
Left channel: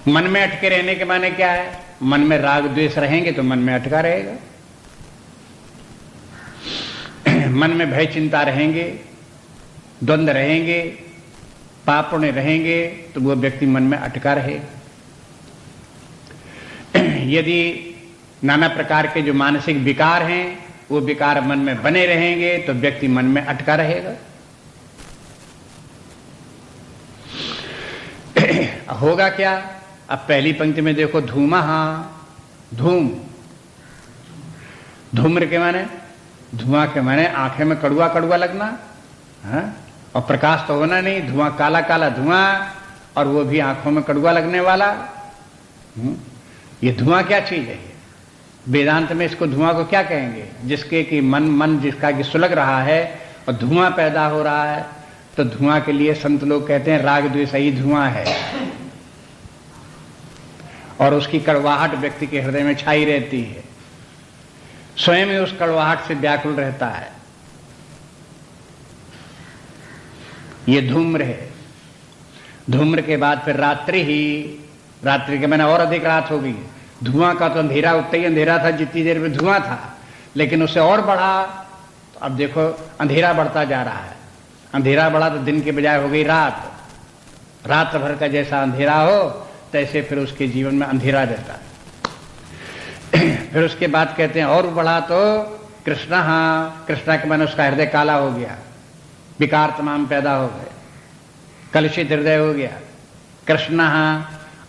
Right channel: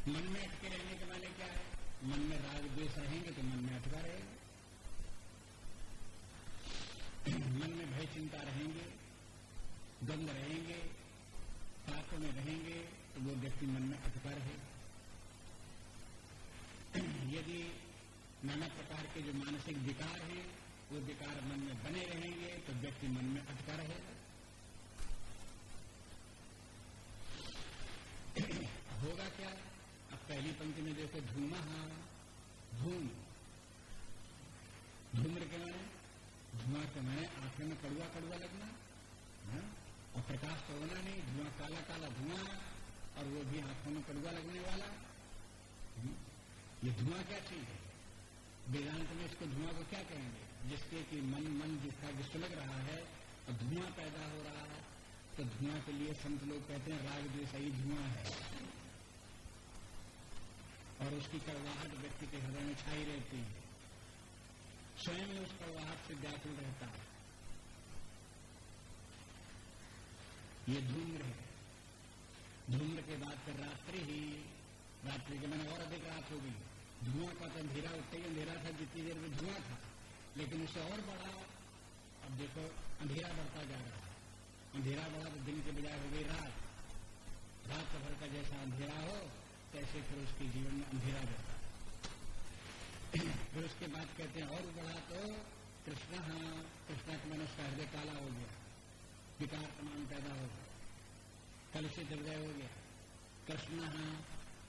मन में अटके रहने के माने क्या है? मन में राग द्वेष रहेंगे तो मन में अटका रहेगा, मन में भय चिंता रहेंगे, द्वंद्व रहेंगे, पाप पुण्य रहेंगे, तो वो व्यक्ति मन में अटका रहेगा। यदि नाना प्रकार के जो मानसिक विकार हैं वो विकार मन में बने रहेंगे तो व्यक्ति मन में अटका रहेगा। होगा क्या? अब पहली पंक्ति में देखो, धूमा, धूम, धूम्र के माने, धुआं के माने आंखें में कड़ुआ कड़ुआ लगना, और प्रकाश तो होना नहीं, धुआं काला काला धुआं, और वो भी आंखों में कड़ुआ लगने वाला। ये धुआं क्या चीज है? वेदांत में इसको धुआं को क्या कहेंगे? जिसके कि मन जिसका कि सुलग रहा है और धुआं पैदा हो रहा है, तो धुआं के लिए संत लोग कहते हैं राग द्वेष ही धुआं है, और उसकी कड़वाहट व्यक्ति के हृदय में छाई रहती है, स्वयं ही उस कड़वाहट से व्याकुल रहता है। ये धूम्र है। धूम्र के बाद फिर रात्रि ही, रात्रि के मैंने और अधिक रात हो गई। धुआं का तो अंधेरा उतना ही अंधेरा था जितनी देर में धुआं था, लेकिन उससे और बढ़ा, तो अब देखो अंधेरा बढ़ता जा रहा है। अंधेरा बढ़ा तो दिन के बजाय हो गई रात, रात भर का जैसा अंधेरा हो तैसे फिर उसके जीवन में अंधेरा रहता है। फिर उसके बाद कहते हैं और बढ़ा तो कृष्णा, कृष्णा के मन उसका हृदय काला हो गया, विकार तमाम पैदा हो गए, कलुषित हृदय हो गया। कृष्णा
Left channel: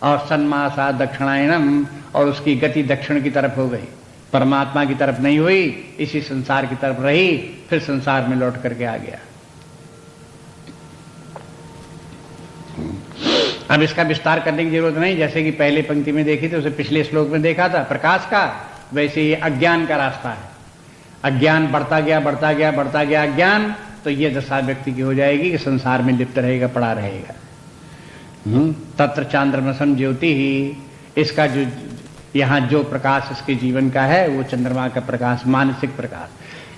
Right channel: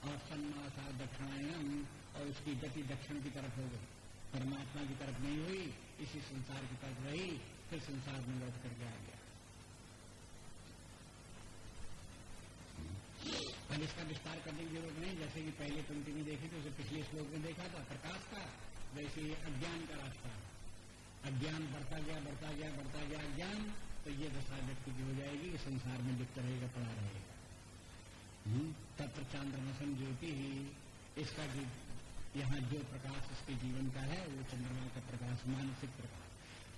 और सन्मासा दक्षिणायनम, और उसकी गति दक्षिण की तरफ हो गई, परमात्मा की तरफ नहीं हुई, इसी संसार की तरफ रही, फिर संसार में लौट करके आ गया। अब इसका विस्तार करने की जरूरत नहीं, जैसे कि पहले पंक्ति में देखी थी, उसे पिछले श्लोक में देखा था प्रकाश का, वैसे ही अज्ञान का रास्ता है। अज्ञान बढ़ता गया बढ़ता गया बढ़ता गया अज्ञान, तो ये दशा व्यक्ति की हो जाएगी कि संसार में लिप्त रहेगा, पड़ा रहेगा। तत्र चांद्रमसम ज्योति ही, इसका जो यहाँ जो प्रकाश इसके जीवन का है वो चंद्रमा का प्रकाश, मानसिक प्रकाश।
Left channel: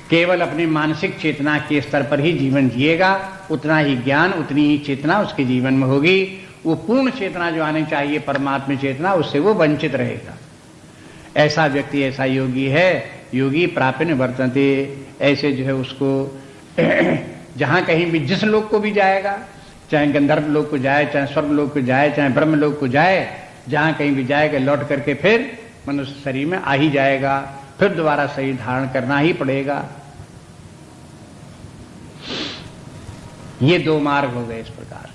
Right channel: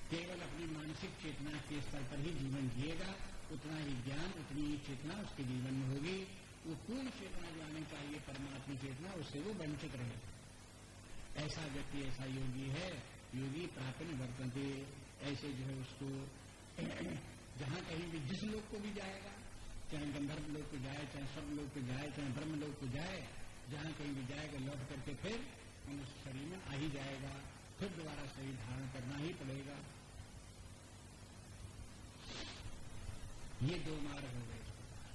केवल अपनी मानसिक चेतना के स्तर पर ही जीवन जिएगा, उतना ही ज्ञान, उतनी ही चेतना उसके जीवन में होगी। वो पूर्ण चेतना जो आनी चाहिए परमात्मा चेतना, उससे वो वंचित रहेगा। ऐसा व्यक्ति, ऐसा योगी है, योगी प्रापिन वर्तन्ते। ऐसे जो है उसको जहां कहीं भी, जिस लोक को भी जाएगा, चाहे गंधर्व लोक को जाए, चाहे स्वर्ग लोक को जाए, चाहे ब्रह्म लोक को जाए, जहां कहीं भी जाएगा लौट करके फिर मनुष्य शरीर में आ ही जाएगा, फिर दोबारा शरीर धारण करना ही पड़ेगा। ये दो मार्ग हो गए इस प्रकार से।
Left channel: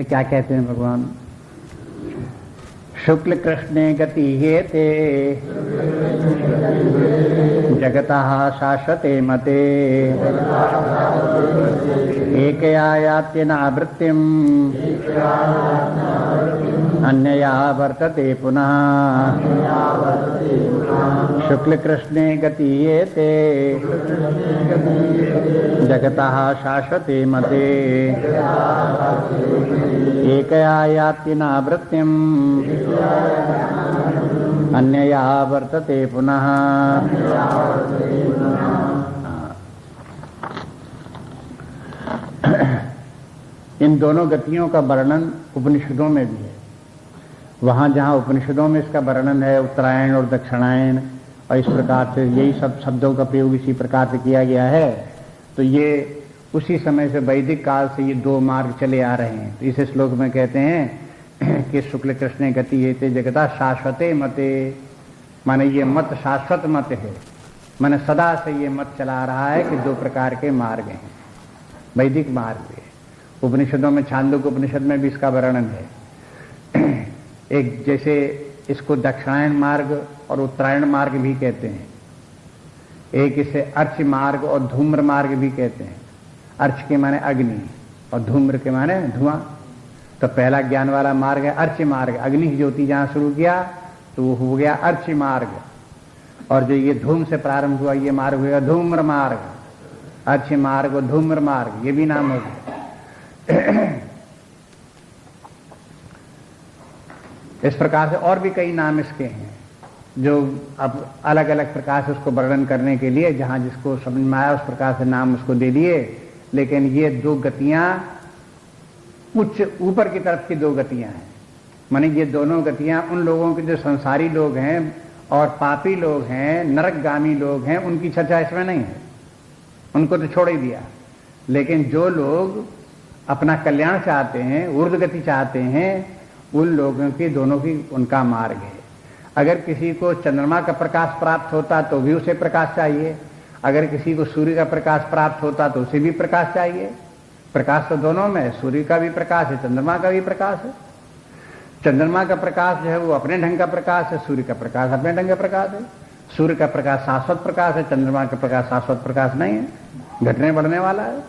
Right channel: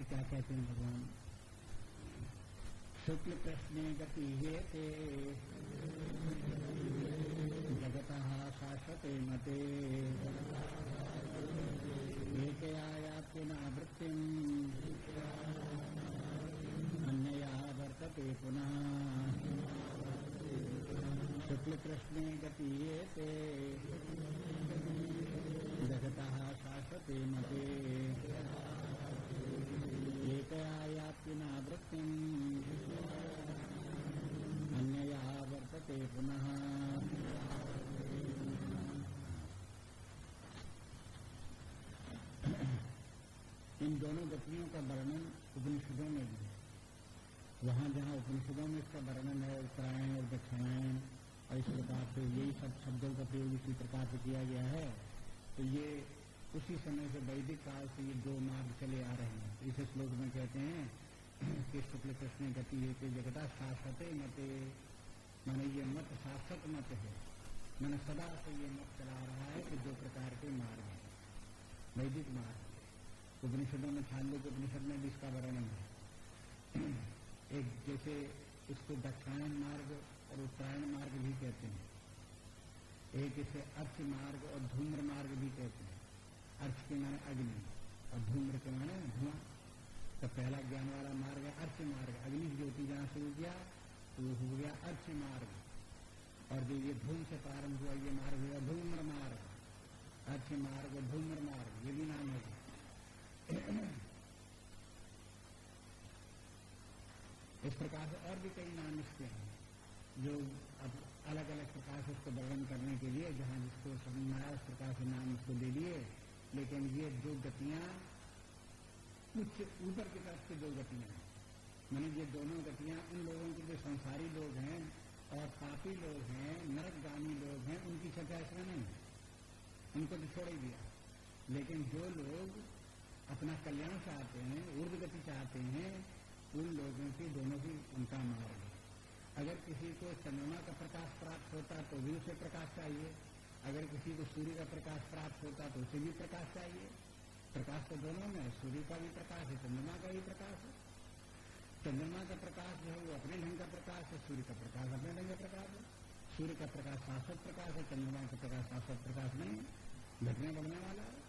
क्या कहते हैं भगवान? शुक्ल कृष्णे गति हेते जगतः शाश्वते मते एकया यात्य नावृत्तिम् अन्यया वर्तते पुनः। शुक्ल कृष्णे गति हेते जगतः शाश्वते मते एकया याति नावृत्तिम् अन्यया वर्तते पुनः। इन दोनों गतियों का वर्णन उपनिषदों में भी है। वहां जहां उपनिषदों में इसका वर्णन है, उत्तरायण और दक्षिणायन, और इस प्रकार से यही सब शब्दों का प्रयोग इसी प्रकार से किया गया है, तो ये उसी समय से वैदिक काल से ये दो मार्ग चले आ रहे हैं। तो इस श्लोक में कहते हैं कि शुक्ल कृष्ण गति हेते जगता शाश्वते मते, माने ये मत शाश्वत मत है, माने सदा से ये मत चला रहा है कि दो प्रकार के मार्ग हैं, वैदिक मार्ग है। उपनिषदों में, छांदोग्य उपनिषद में भी इसका वर्णन है। एक जैसे इसको दक्षिणायन मार्ग और उत्तरायण मार्ग भी कहते हैं, एक इसे अर्च मार्ग और धूम्र मार्ग भी कहते हैं। अर्च के माने अग्नि और धूम्र के माने धुआं। तो पहला ज्ञान वाला मार्ग है अर्च मार्ग, अग्नि की ज्योति जहां शुरू किया तो वो हो गया अर्च मार्ग, और जो ये धूम से प्रारंभ हुआ ये मार्ग हुआ धूम्र मार्ग। अर्च मार्ग और धूम्र मार्ग ये भी नाम हो गया। इस प्रकार से और भी कई नाम इसके हैं, जो अब अलग अलग प्रकार से उसको वर्णन करने के लिए जहां जिसको समझ में आया उस प्रकार से नाम उसको दे दिए। लेकिन ये दो गतियां उच्च ऊपर की तरफ की दो गतियां हैं, माने ये दोनों गतियां उन लोगों के जो संसारी लोग हैं और पापी लोग हैं, नरकगामी लोग हैं, उनकी चर्चा इसमें नहीं है, उनको तो छोड़ ही दिया। लेकिन जो लोग अपना कल्याण चाहते हैं, ऊर्ध्व गति चाहते हैं, उन लोगों की दोनों की उनका मार्ग है। अगर किसी को चंद्रमा का प्रकाश प्राप्त होता तो भी उसे प्रकाश चाहिए, अगर किसी को सूर्य का प्रकाश प्राप्त होता तो उसे भी प्रकाश चाहिए। प्रकाश तो दोनों में है, सूर्य का भी प्रकाश है, चंद्रमा का भी प्रकाश है। चंद्रमा का प्रकाश जो है वो अपने ढंग का प्रकाश है, सूर्य का प्रकाश अपने ढंग का प्रकाश है। सूर्य का प्रकाश शाश्वत प्रकाश है, चंद्रमा का प्रकाश शाश्वत प्रकाश नहीं है, घटने बढ़ने वाला है।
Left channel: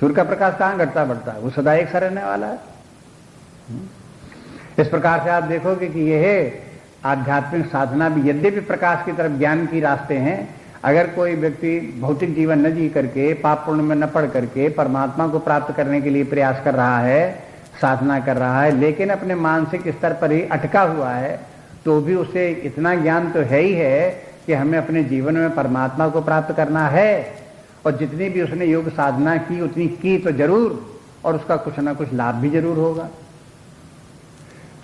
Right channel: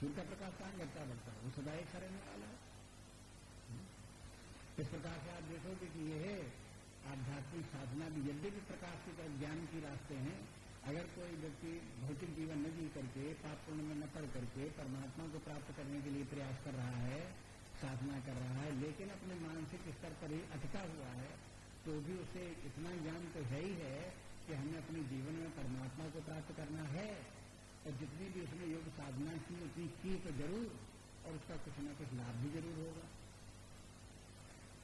सूर्य का प्रकाश कहां घटता बढ़ता है, वो सदा एक सा रहने वाला है। इस प्रकार से आप देखोगे कि यह आध्यात्मिक साधना भी यद्यपि प्रकाश की तरफ ज्ञान की रास्ते हैं, अगर कोई व्यक्ति भौतिक जीवन न जी करके, पाप पुण्य में न पढ़ करके परमात्मा को प्राप्त करने के लिए प्रयास कर रहा है, साधना कर रहा है, लेकिन अपने मानसिक स्तर पर ही अटका हुआ है, तो भी उसे इतना ज्ञान तो है ही है कि हमें अपने जीवन में परमात्मा को प्राप्त करना है, और जितनी भी उसने योग साधना की उतनी की तो जरूर, और उसका कुछ ना कुछ लाभ भी जरूर होगा।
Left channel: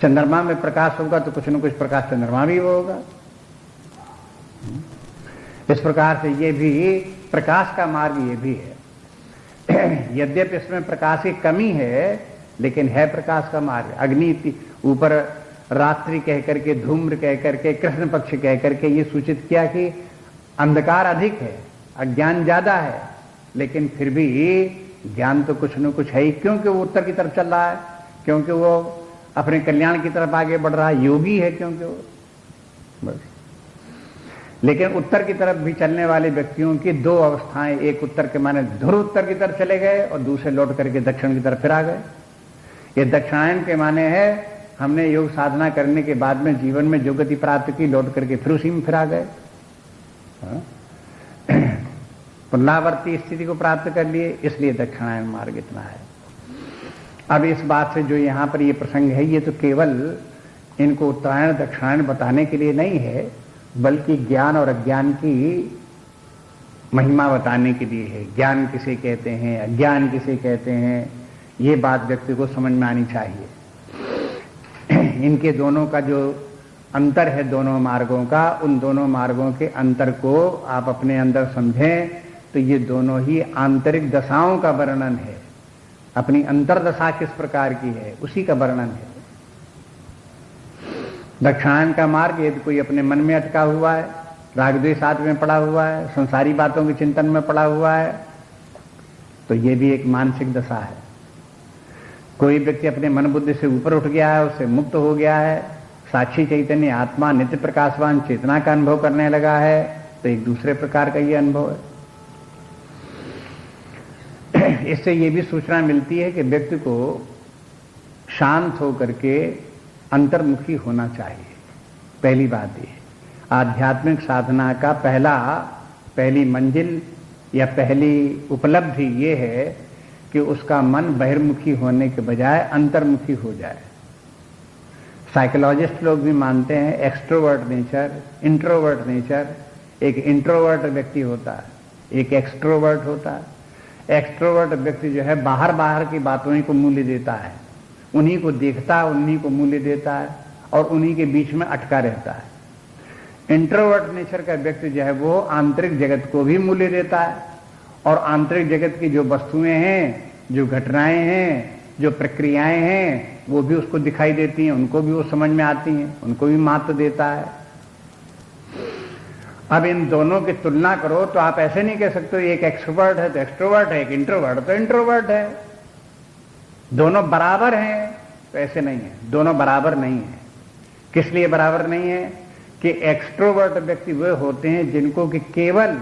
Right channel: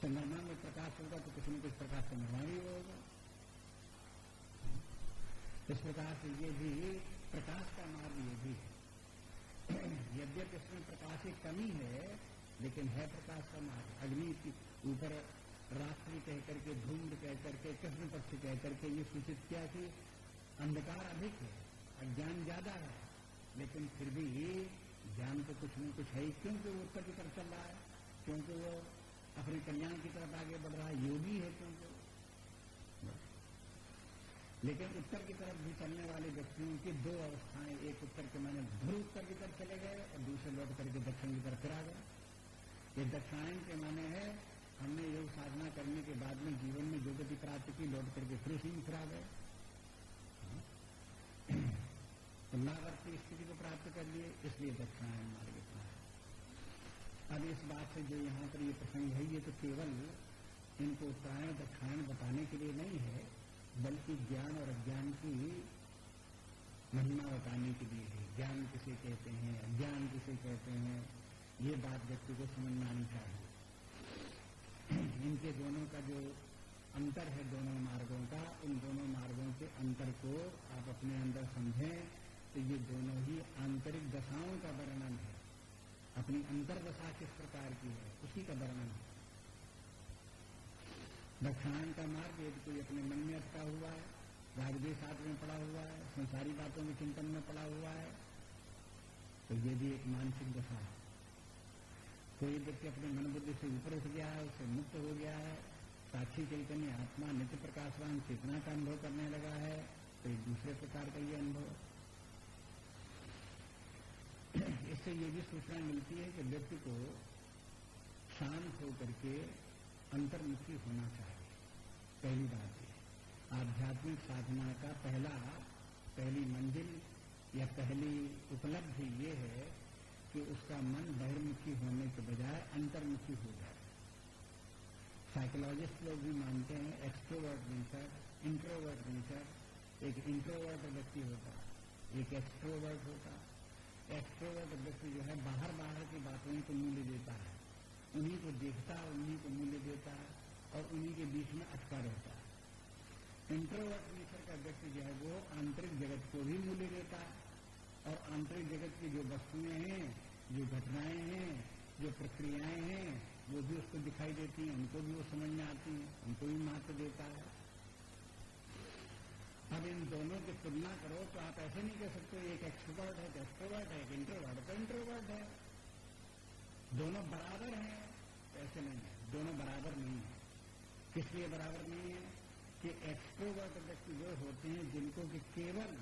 चंद्रमा में प्रकाश होगा तो कुछ न कुछ प्रकाश चंद्रमा भी होगा। इस प्रकार से ये भी प्रकाश का मार्ग ये भी है। यद्यपि इसमें प्रकाश की कमी है, लेकिन है प्रकाश का मार्ग। अग्नि ऊपर रात्रि कह करके, धूम्र कह करके, कृष्ण पक्ष कह करके ये सूचित किया कि अंधकार अधिक है, अज्ञान ज्यादा है, लेकिन फिर भी ज्ञान तो कुछ न कुछ है ही। क्योंकि वो उत्तर की तरफ चल रहा है, क्योंकि वो अपने कल्याण की तरफ आगे बढ़ रहा है, योगी है क्योंकि वो, बस। लेकिन उत्तर की तरफ भी चलने वाले व्यक्तियों की दो अवस्थाएं, एक उत्तर के माने ध्रुव उत्तर की तरफ चले गए और दूसरे लौट करके दक्षिण की तरफ फिर आ गए। ये दक्षिणायन के माने है हमने योग साधना करने के बाद में जीवन में जो गति प्राप्त की, लौट करके फिर उसी में फिर आ गए, पुनरावर्ती स्थिति को प्राप्त कर लिए, इसलिए दक्षिणायन मार्ग इतना है। अब इस बात से जो यहां पर ये प्रसंग है, ये तो केवल इनको उत्तरायण दक्षिणायन बताने के लिए नहीं है, बल्कि ज्ञान और अज्ञान की महिमा बताने के लिए है। ज्ञान किसे कहते हैं, अज्ञान किसे कहते हैं, ये बात व्यक्ति को समझ में आनी चाहिए। इनके दोनों का जो अंतर है, दोनों मार्गों का, उन दोनों मार्गों के अंतर को आप अपने अंदर समझें तो ये दोनों ही आंतरिक दशाओं का वर्णन है। अपनी अंतरदशा किस प्रकार की है उसी का वर्णन है। दक्षिणायन का मार्ग यदि कोई अपने मन में अटका हुआ है, राग द्वेष आदि में पड़ा हुआ है, संसारी बातों के चिंतन में पड़ा हुआ है, तो ये भी एक मानसिक दशा है। कोई व्यक्ति अपने मन बुद्धि से ऊपर उठ गया है, उससे मुक्त हो गया है, साक्षी चैतन्य आत्मा नित्य प्रकाशवान चेतना का अनुभव करने लगा है, तो एक दूसरे प्रकार का ये अनुभव है। इससे ये भी सूचना मिलती है कि व्यक्ति को शांत होकर के अंतर्मुखी होना चाहिए। पहली बात ये, आध्यात्मिक साधना का पहली मंजिल या पहली उपलब्धि ये है कि उसका मन बहिर्मुखी होने के बजाय अंतर्मुखी हो जाए। साइकोलॉजिस्ट लोग भी मानते हैं एक्सट्रोवर्ट नेचर, इंट्रोवर्ट नेचर। एक इंट्रोवर्ट व्यक्ति होता है, एक एक्सट्रोवर्ट होता है। एक्सट्रोवर्ट व्यक्ति जो है बाहर की बातों ही को मूल्य देता है, उन्हीं को देखता है, उन्हीं को मूल्य देता है और उन्हीं के बीच में अटका रहता है। इंट्रोवर्ट नेचर का व्यक्ति जो है वो आंतरिक जगत को भी मूल्य देता है और आंतरिक जगत की जो वस्तुएं हैं, जो घटनाएं हैं, जो प्रक्रियाएं हैं, वो भी उसको दिखाई देती हैं, उनको भी वो समझ में आती हैं, उनको भी महत्व देता है। अब इन दोनों की तुलना करो तो आप ऐसे नहीं कह सकते एक एक्सट्रोवर्ट है तो एक्सट्रोवर्ट है, एक इंट्रोवर्ट तो इंट्रोवर्ट है, दोनों बराबर हैं, तो ऐसे नहीं है। दोनों बराबर नहीं है। किस लिए बराबर नहीं है कि एक्सट्रोवर्ट व्यक्ति वे होते हैं जिनको कि केवल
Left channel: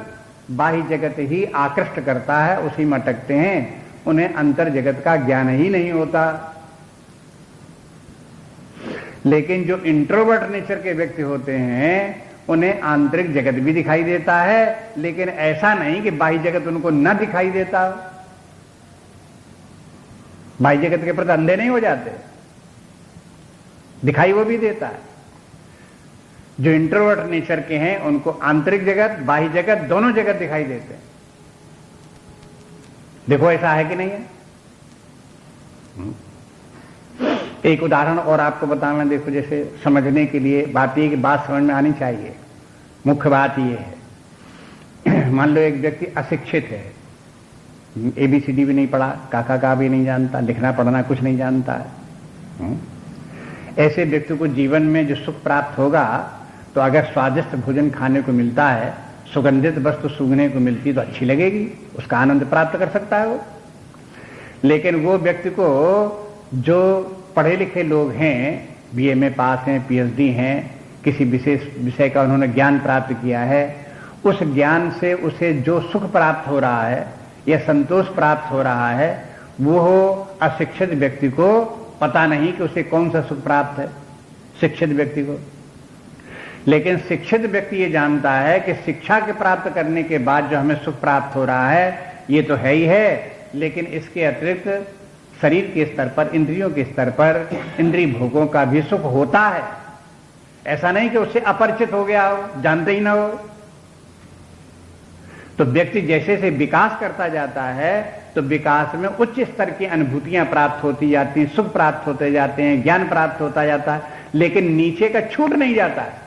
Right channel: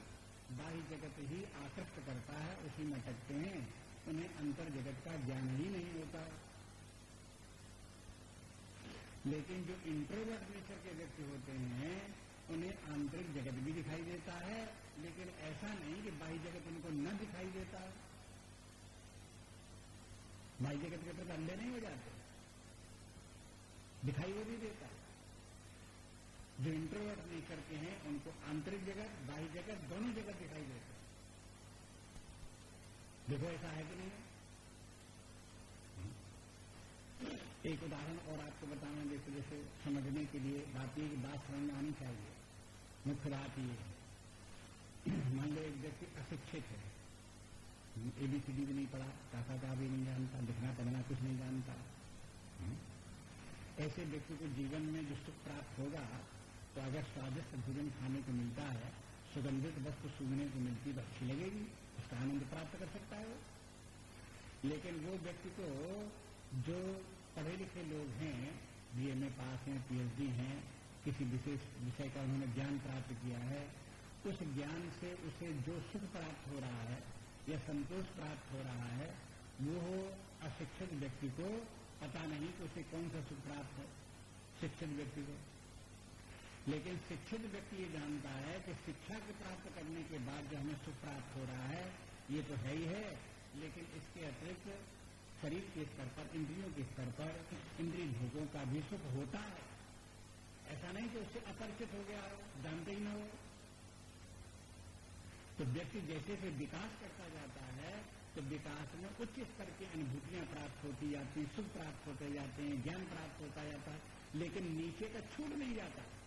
बाह्य जगत ही आकृष्ट करता है, उसी में अटकते हैं, उन्हें अंतर जगत का ज्ञान ही नहीं होता। लेकिन जो इंट्रोवर्ट नेचर के व्यक्ति होते हैं उन्हें आंतरिक जगत भी दिखाई देता है, लेकिन ऐसा नहीं कि बाह्य जगत उनको न दिखाई देता। बाह्य जगत के प्रति अंधे नहीं हो जाते, दिखाई वो भी देता है। जो इंट्रोवर्ट नेचर के हैं उनको आंतरिक जगत, बाह्य जगत, दोनों जगत दिखाई देते हैं। देखो ऐसा है कि नहीं है। एक उदाहरण और आपको बताना, देखो जैसे समझने के लिए बात ये कि बात समझ में आनी चाहिए। मुख्य बात ये है, मान लो एक व्यक्ति अशिक्षित है, ABCD भी नहीं पढ़ा, काका का भी नहीं जानता, लिखना पढ़ना कुछ नहीं जानता है। ऐसे व्यक्ति को जीवन में जो सुख प्राप्त होगा, तो अगर स्वादिष्ट भोजन खाने को मिलता है, सुगंधित वस्तु सूंघने को मिलती है तो अच्छी लगेगी, उसका आनंद प्राप्त कर सकता है वो। लेकिन वो व्यक्ति को जो पढ़े लिखे लोग हैं, BA में पास हैं, PhD हैं, किसी विशेष विषय का उन्होंने ज्ञान प्राप्त किया है, उस ज्ञान से उसे जो सुख प्राप्त हो रहा है या संतोष प्राप्त हो रहा है, वो अशिक्षित व्यक्ति को पता नहीं कि उसे कौन सा सुख प्राप्त है, शिक्षित व्यक्ति को। लेकिन शिक्षित व्यक्ति ये जानता है कि शिक्षा के प्राप्त करने के बाद जो हमें सुख प्राप्त हो रहा है ये तो है ही है, लेकिन इसके अतिरिक्त शरीर के स्तर पर, इंद्रियों के स्तर पर इंद्रिय भोगों का भी सुख होता है। ऐसा नहीं कि उससे अपरिचित हो गया हो, जानते ही ना हो। तो व्यक्ति जैसे से विकास करता जाता है तो विकास में उच्च स्तर की अनुभूतियां प्राप्त होती जाती हैं, सुख प्राप्त होते जाते हैं, ज्ञान प्राप्त होता जाता है, लेकिन नीचे का छूट नहीं जाता है।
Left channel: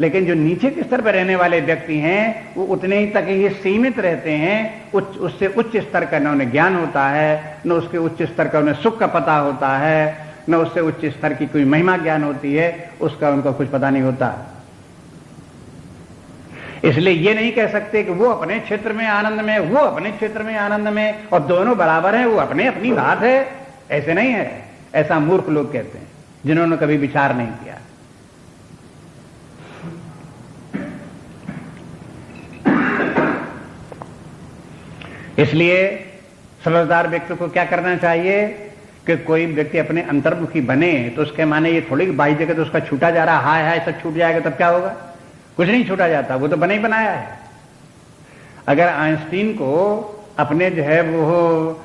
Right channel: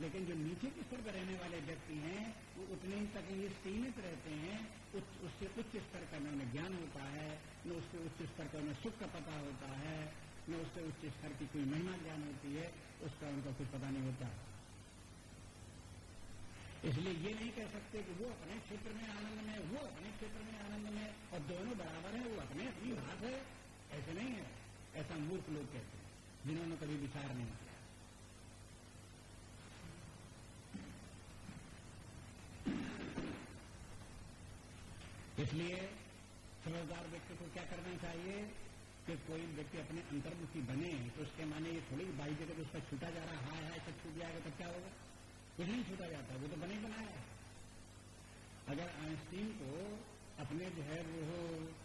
लेकिन जो नीचे के स्तर पर रहने वाले व्यक्ति हैं वो उतने ही तक ही सीमित रहते हैं। उससे उच्च स्तर का न उन्हें ज्ञान होता है, न उसके उच्च स्तर का उन्हें सुख का पता होता है, न उससे उच्च स्तर की कोई महिमा ज्ञान होती है, उसका उनको कुछ पता नहीं होता। इसलिए ये नहीं कह सकते कि वो अपने क्षेत्र में आनंद में, वो अपने क्षेत्र में आनंद में, और दोनों बराबर हैं, वो अपने अपनी बात है। ऐसे नहीं है। ऐसा मूर्ख लोग कहते हैं जिन्होंने कभी विचार नहीं किया। इसलिए समझदार व्यक्ति को क्या करना चाहिए कि कोई व्यक्ति अपने अंतर्मुखी बने तो उसके माने ये थोड़ी बाई जगह तो उसका छूटा जा रहा, हाय हाय सब छूट जाएगा तब क्या होगा? कुछ नहीं छूटा जाता, वो तो बना ही बनाया है। अगर आइंस्टीन को अपने जो है वो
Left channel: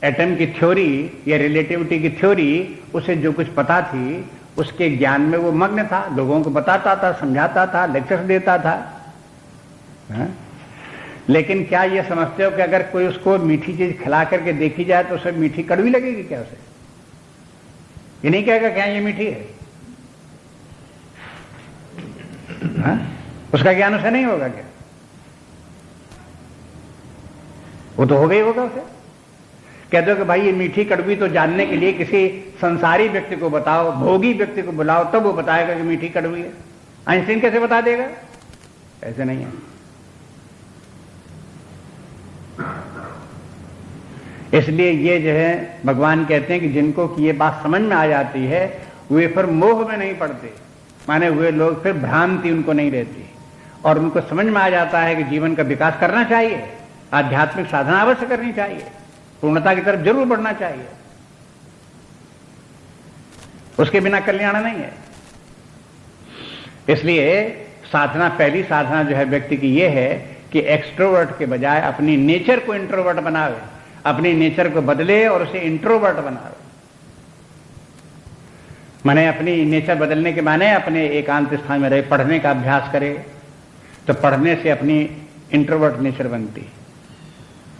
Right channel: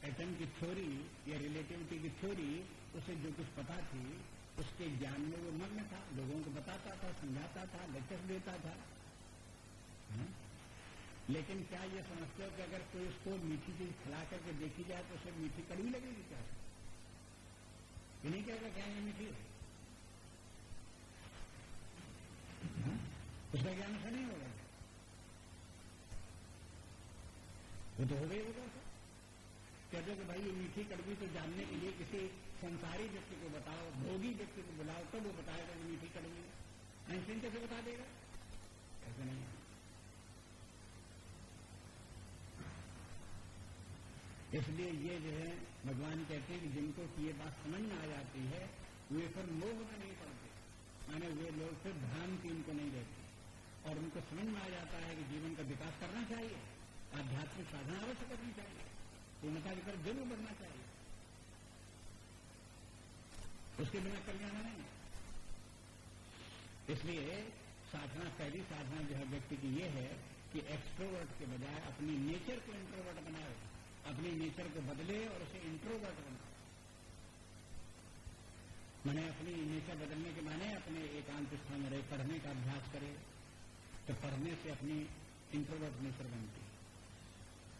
एटम की थ्योरी या रिलेटिविटी की थ्योरी, उसे जो कुछ पता थी उसके ज्ञान में वो मग्न था, लोगों को बताता था, समझाता था, लेक्चर्स देता था। हाँ? लेकिन क्या ये समझते हो कि अगर कोई उसको मीठी चीज खिला करके देखी जाए तो उसे मीठी कड़वी लगेगी क्या? उसे ये नहीं कहेगा क्या ये मीठी है? हाँ? उसका ज्ञान उसे नहीं होगा क्या? वो तो हो गई होगा उसे। कह दो कि भाई ये मीठी कड़वी तो जानने के लिए किसी संसारी व्यक्ति को बताओ, भोगी व्यक्ति को बुलाओ, तब वो बताएगा कि मीठी कड़वी है। आइंस्टीन कैसे बता देगा? ऐसे नहीं है। इसलिए ये जो है भगवान कहते हैं कि जिनको कि ये बात समझ में आ जाती है वे फिर मोह में नहीं पड़ते, माने हुए लोग फिर भ्रांति उनको नहीं रहती, और उनको समझ में आ जाता है कि जीवन का विकास करना चाहिए, आध्यात्मिक साधना अवश्य करनी चाहिए, पूर्णता की तरफ जरूर बढ़ना चाहिए, उसके बिना कल्याण नहीं है। इसलिए साधना, पहली साधना जो है व्यक्ति की ये है कि एक्सट्रोवर्ट के बजाय अपनी नेचर को इंट्रोवर्ट बनावे, अपनी नेचर को बदले और उसे इंट्रोवर्ट बनावे। माने अपनी नेचर बदलने के माने अपने एकांत स्थान में रहे, पढ़ने का अभ्यास करे, तो पढ़ने से अपनी इंट्रोवर्ट नेचर बनती है।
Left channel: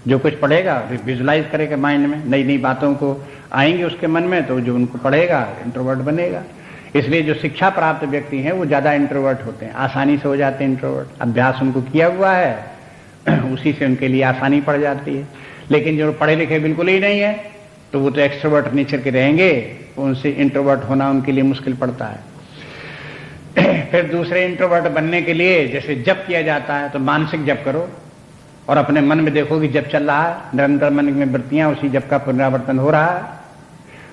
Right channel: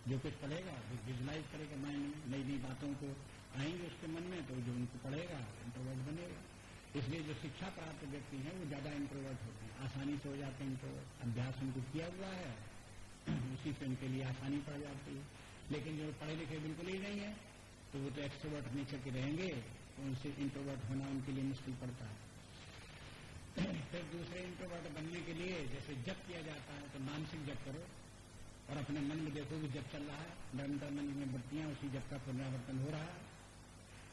जो कुछ पढ़ेगा विजुलाइज करेगा माइंड में, नई नई बातों को आएंगे उसके मन में, तो जो उनको पढ़ेगा इंट्रोवर्ट बनेगा। इसलिए जो शिक्षा प्राप्त व्यक्ति हैं वो ज्यादा इंट्रोवर्ट होते हैं, आसानी से हो जाते हैं इंट्रोवर्ट। अभ्यास उनको किया हुआ है, उसी से उनके लिए आसानी पड़ जाती है। लेकिन जो पढ़े लिखे बिल्कुल ही नहीं है तो वो तो एक्सट्रोवर्ट नेचर के रहेंगे, उनसे इंट्रोवर्ट होना उनके लिए मुश्किल पड़ता है। फिर दूसरे इंट्रोवर्ट बनने के लिए जैसे जप किया जाता है, तो मानसिक जप करो और अपने मन में देखो कि जप चल रहा है, निरंतर मन में वृत्तियां उसी जप का पुनरावर्तन हो रहा है।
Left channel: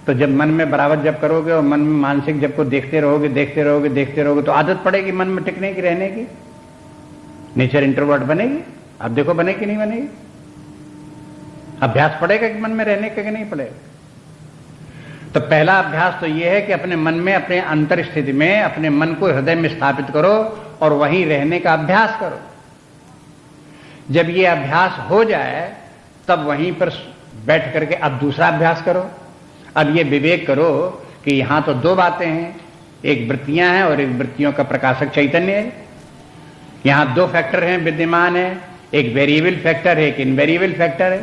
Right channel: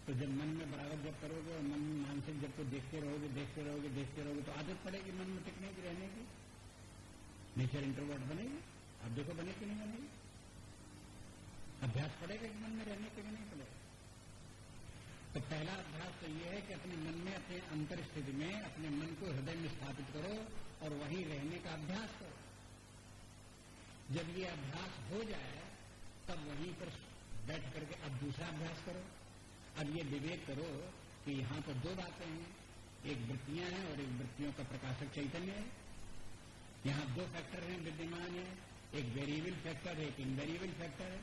तो जब मन में बराबर जप करोगे और मन में मानसिक जप को देखते रहोगे देखते रहोगे देखते रहोगे तो आदत पड़ेगी मन में टिकने की, रहने की, नेचर इंट्रोवर्ट बनेगी। अब देखो बनेगी कि नहीं बनेगी? अभ्यास पड़ेगा कि मन में रहने का कि नहीं पड़ेगा? तो पहला अभ्यास तो यह है कि अपने मन में, अपने अंतर स्थिति में अपने मन को हृदय में स्थापित करो और वहीं रहने का अभ्यास करो। जब ये अभ्यास हो जाए तब वहीं पर बैठ करके अब दूसरा अभ्यास करो। अब ये विवेक करो कि यहां तो दो बातें हैं, एक वृत्तियां हैं और एक वृत्तियों का प्रकाशक चैतन्य है। यहां दो फैक्टर हैं विद्यमान है, एक वेरिएबल फैक्टर है, एक इनवेरिएबल फैक्टर है,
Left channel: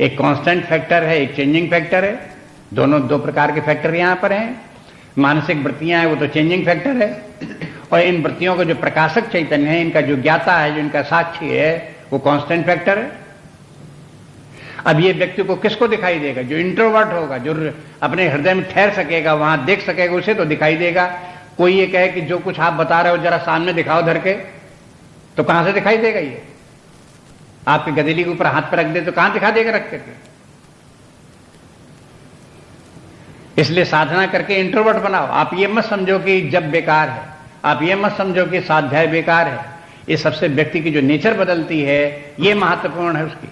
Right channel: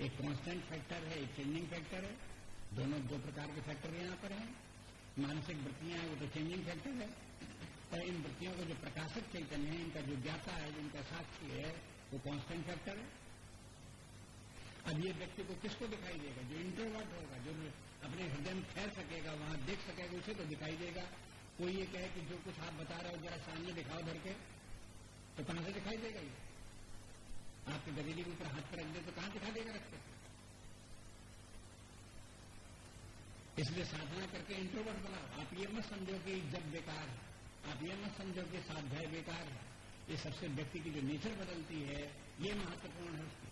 एक कांस्टेंट फैक्टर है, एक चेंजिंग फैक्टर है। दोनों दो प्रकार के फैक्टर यहां पर हैं। मानसिक वृत्तियां हैं वो तो चेंजिंग फैक्टर है, और इन वृत्तियों का जो प्रकाशक चैतन्य है, इनका जो ज्ञाता है, जो इनका साक्षी है, वो कांस्टेंट फैक्टर है। अब ये व्यक्ति को किसको दिखाई देगा? जो इंट्रोवर्ट होगा, जो अपने हृदय में ठहर सकेगा, वहां देख सकेगा, उसे तो दिखाई देगा। कोई ये कहे कि जो कुछ आप बता रहे हो जरा सामने दिखाओ धर के, तो कहां से दिखाई देगा? ये आपके गदेली के ऊपर हाथ पर रख दे तो कहां दिखा देगा रख करके? इसलिए साधना करके इंट्रोवर्ट बनाओ। आप ये मत समझो कि जब बेकार है, आप ये मत समझो कि स्वाध्याय बेकार है। ये सबसे व्यक्ति की जो नेचर बदलती है ये महत्वपूर्ण है उसकी।